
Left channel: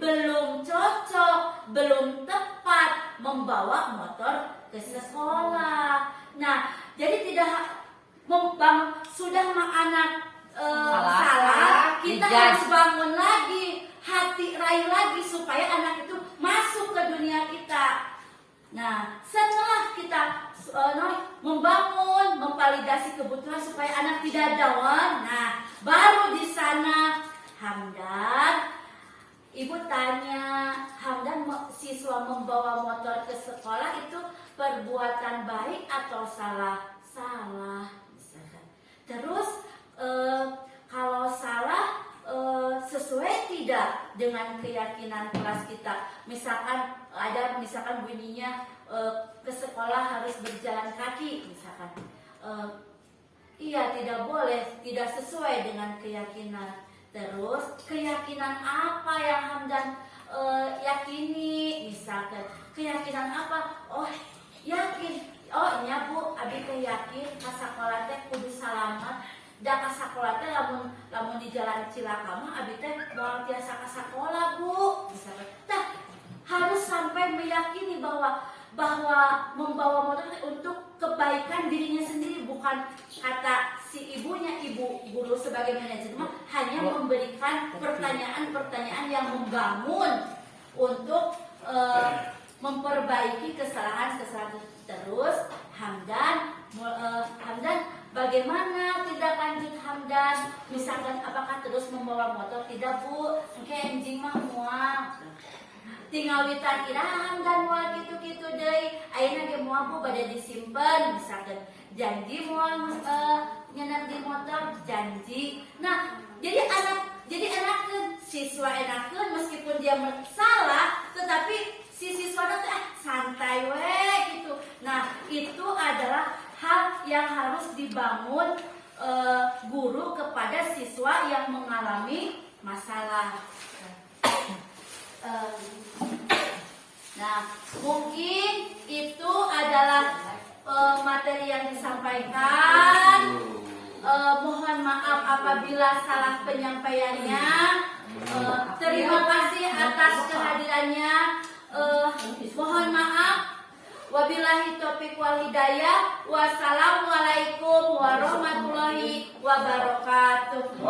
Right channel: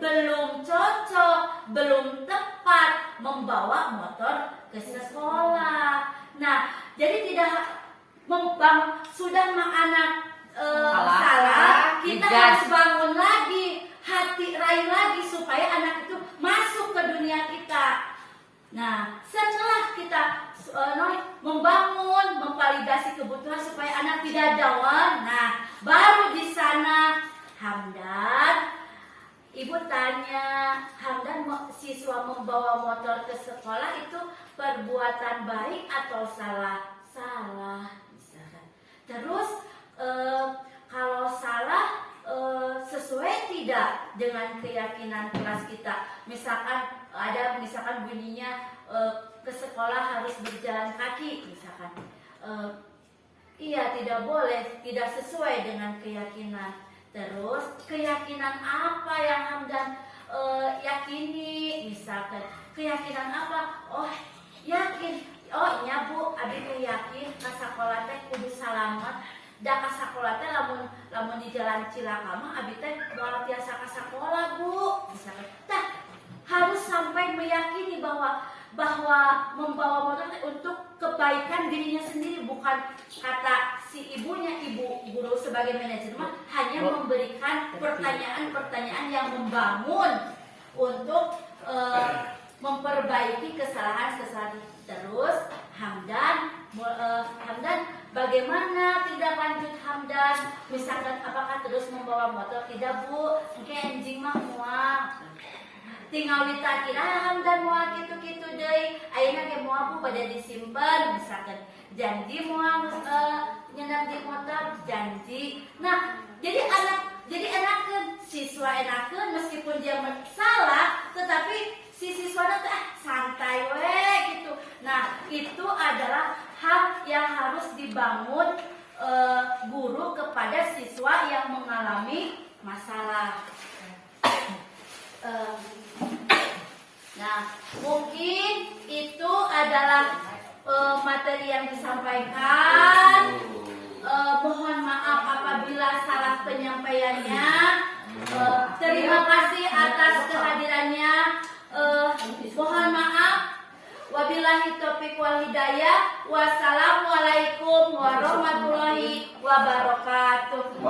belum cocok, belum tepat membawa motor ke sekolah. Nah, jadi tidak sudah mah anak salah, kita harus bangun lagi, hati raih lagi supaya anak itu masuk ke dunia kita. Nah, setelah kita membangun, memvalidasi kebutuhan supaya anak tidak jauh, nah baru di sana Hamdan, ibu tanya, Hamdan siswa membawa motor ke sekolah itu perbuatan baik atau salah? Salah, misalkan. Terus kalau salah sesuai tidak dengan keyakinan kelas kita? Misalkan bunyinya ke sekolah harus berjalan kaki, misalkan. Iya, tidak boleh, tidak sesuai dengan keyakinan. Terus keyakinan apa yang Hamdan yakini, misalkan keyakinan apa? Oh, yakin. Oh, iya Bu, abi teh yakin ka sakola teh kudu salamat. Da ka sakola teh lamun di jalan Cilaka mah abi teh bawa biasa ka sakola, Bu. Misalkan. Tah, harus sampai meyakini bahwa membawa motor untuk kebaikan dirinya sendiri, bukan kata si ibunya, ibu guru sebagai manajer hanya memberikan pertanyaan-pertanyaan yang membangun untuk memperbaiki kesalahan-kesalahan. Terus Hamdan, bagaimana tindak lanjut Hamdan? Misalkan apakah terus membawa motor? Tidak Bu, enjing mah mual. Tinggal ditakira Hamdan mual gitu-gitu deui. Ayeuna ge moal Bu pada disimpen, misalkan janji mual nyeunap di motor, janji. Nah, jadi enakeun siswa enakeun meskipun dia salah, tetapi si siswa teh santai we gitu. Nah, itu adalah hal yang harus dibangun guru kepada siswa yang mengalami masalah. Nah, mungkin itu adalah materi yang disampaikan. Mohon maaf apabila salah penyampaiannya. Terima kasih atas kehadirannya. Mohon maaf. Wabillahi taufiq wal hidayah. Wassalamualaikum warahmatullahi wabarakatuh.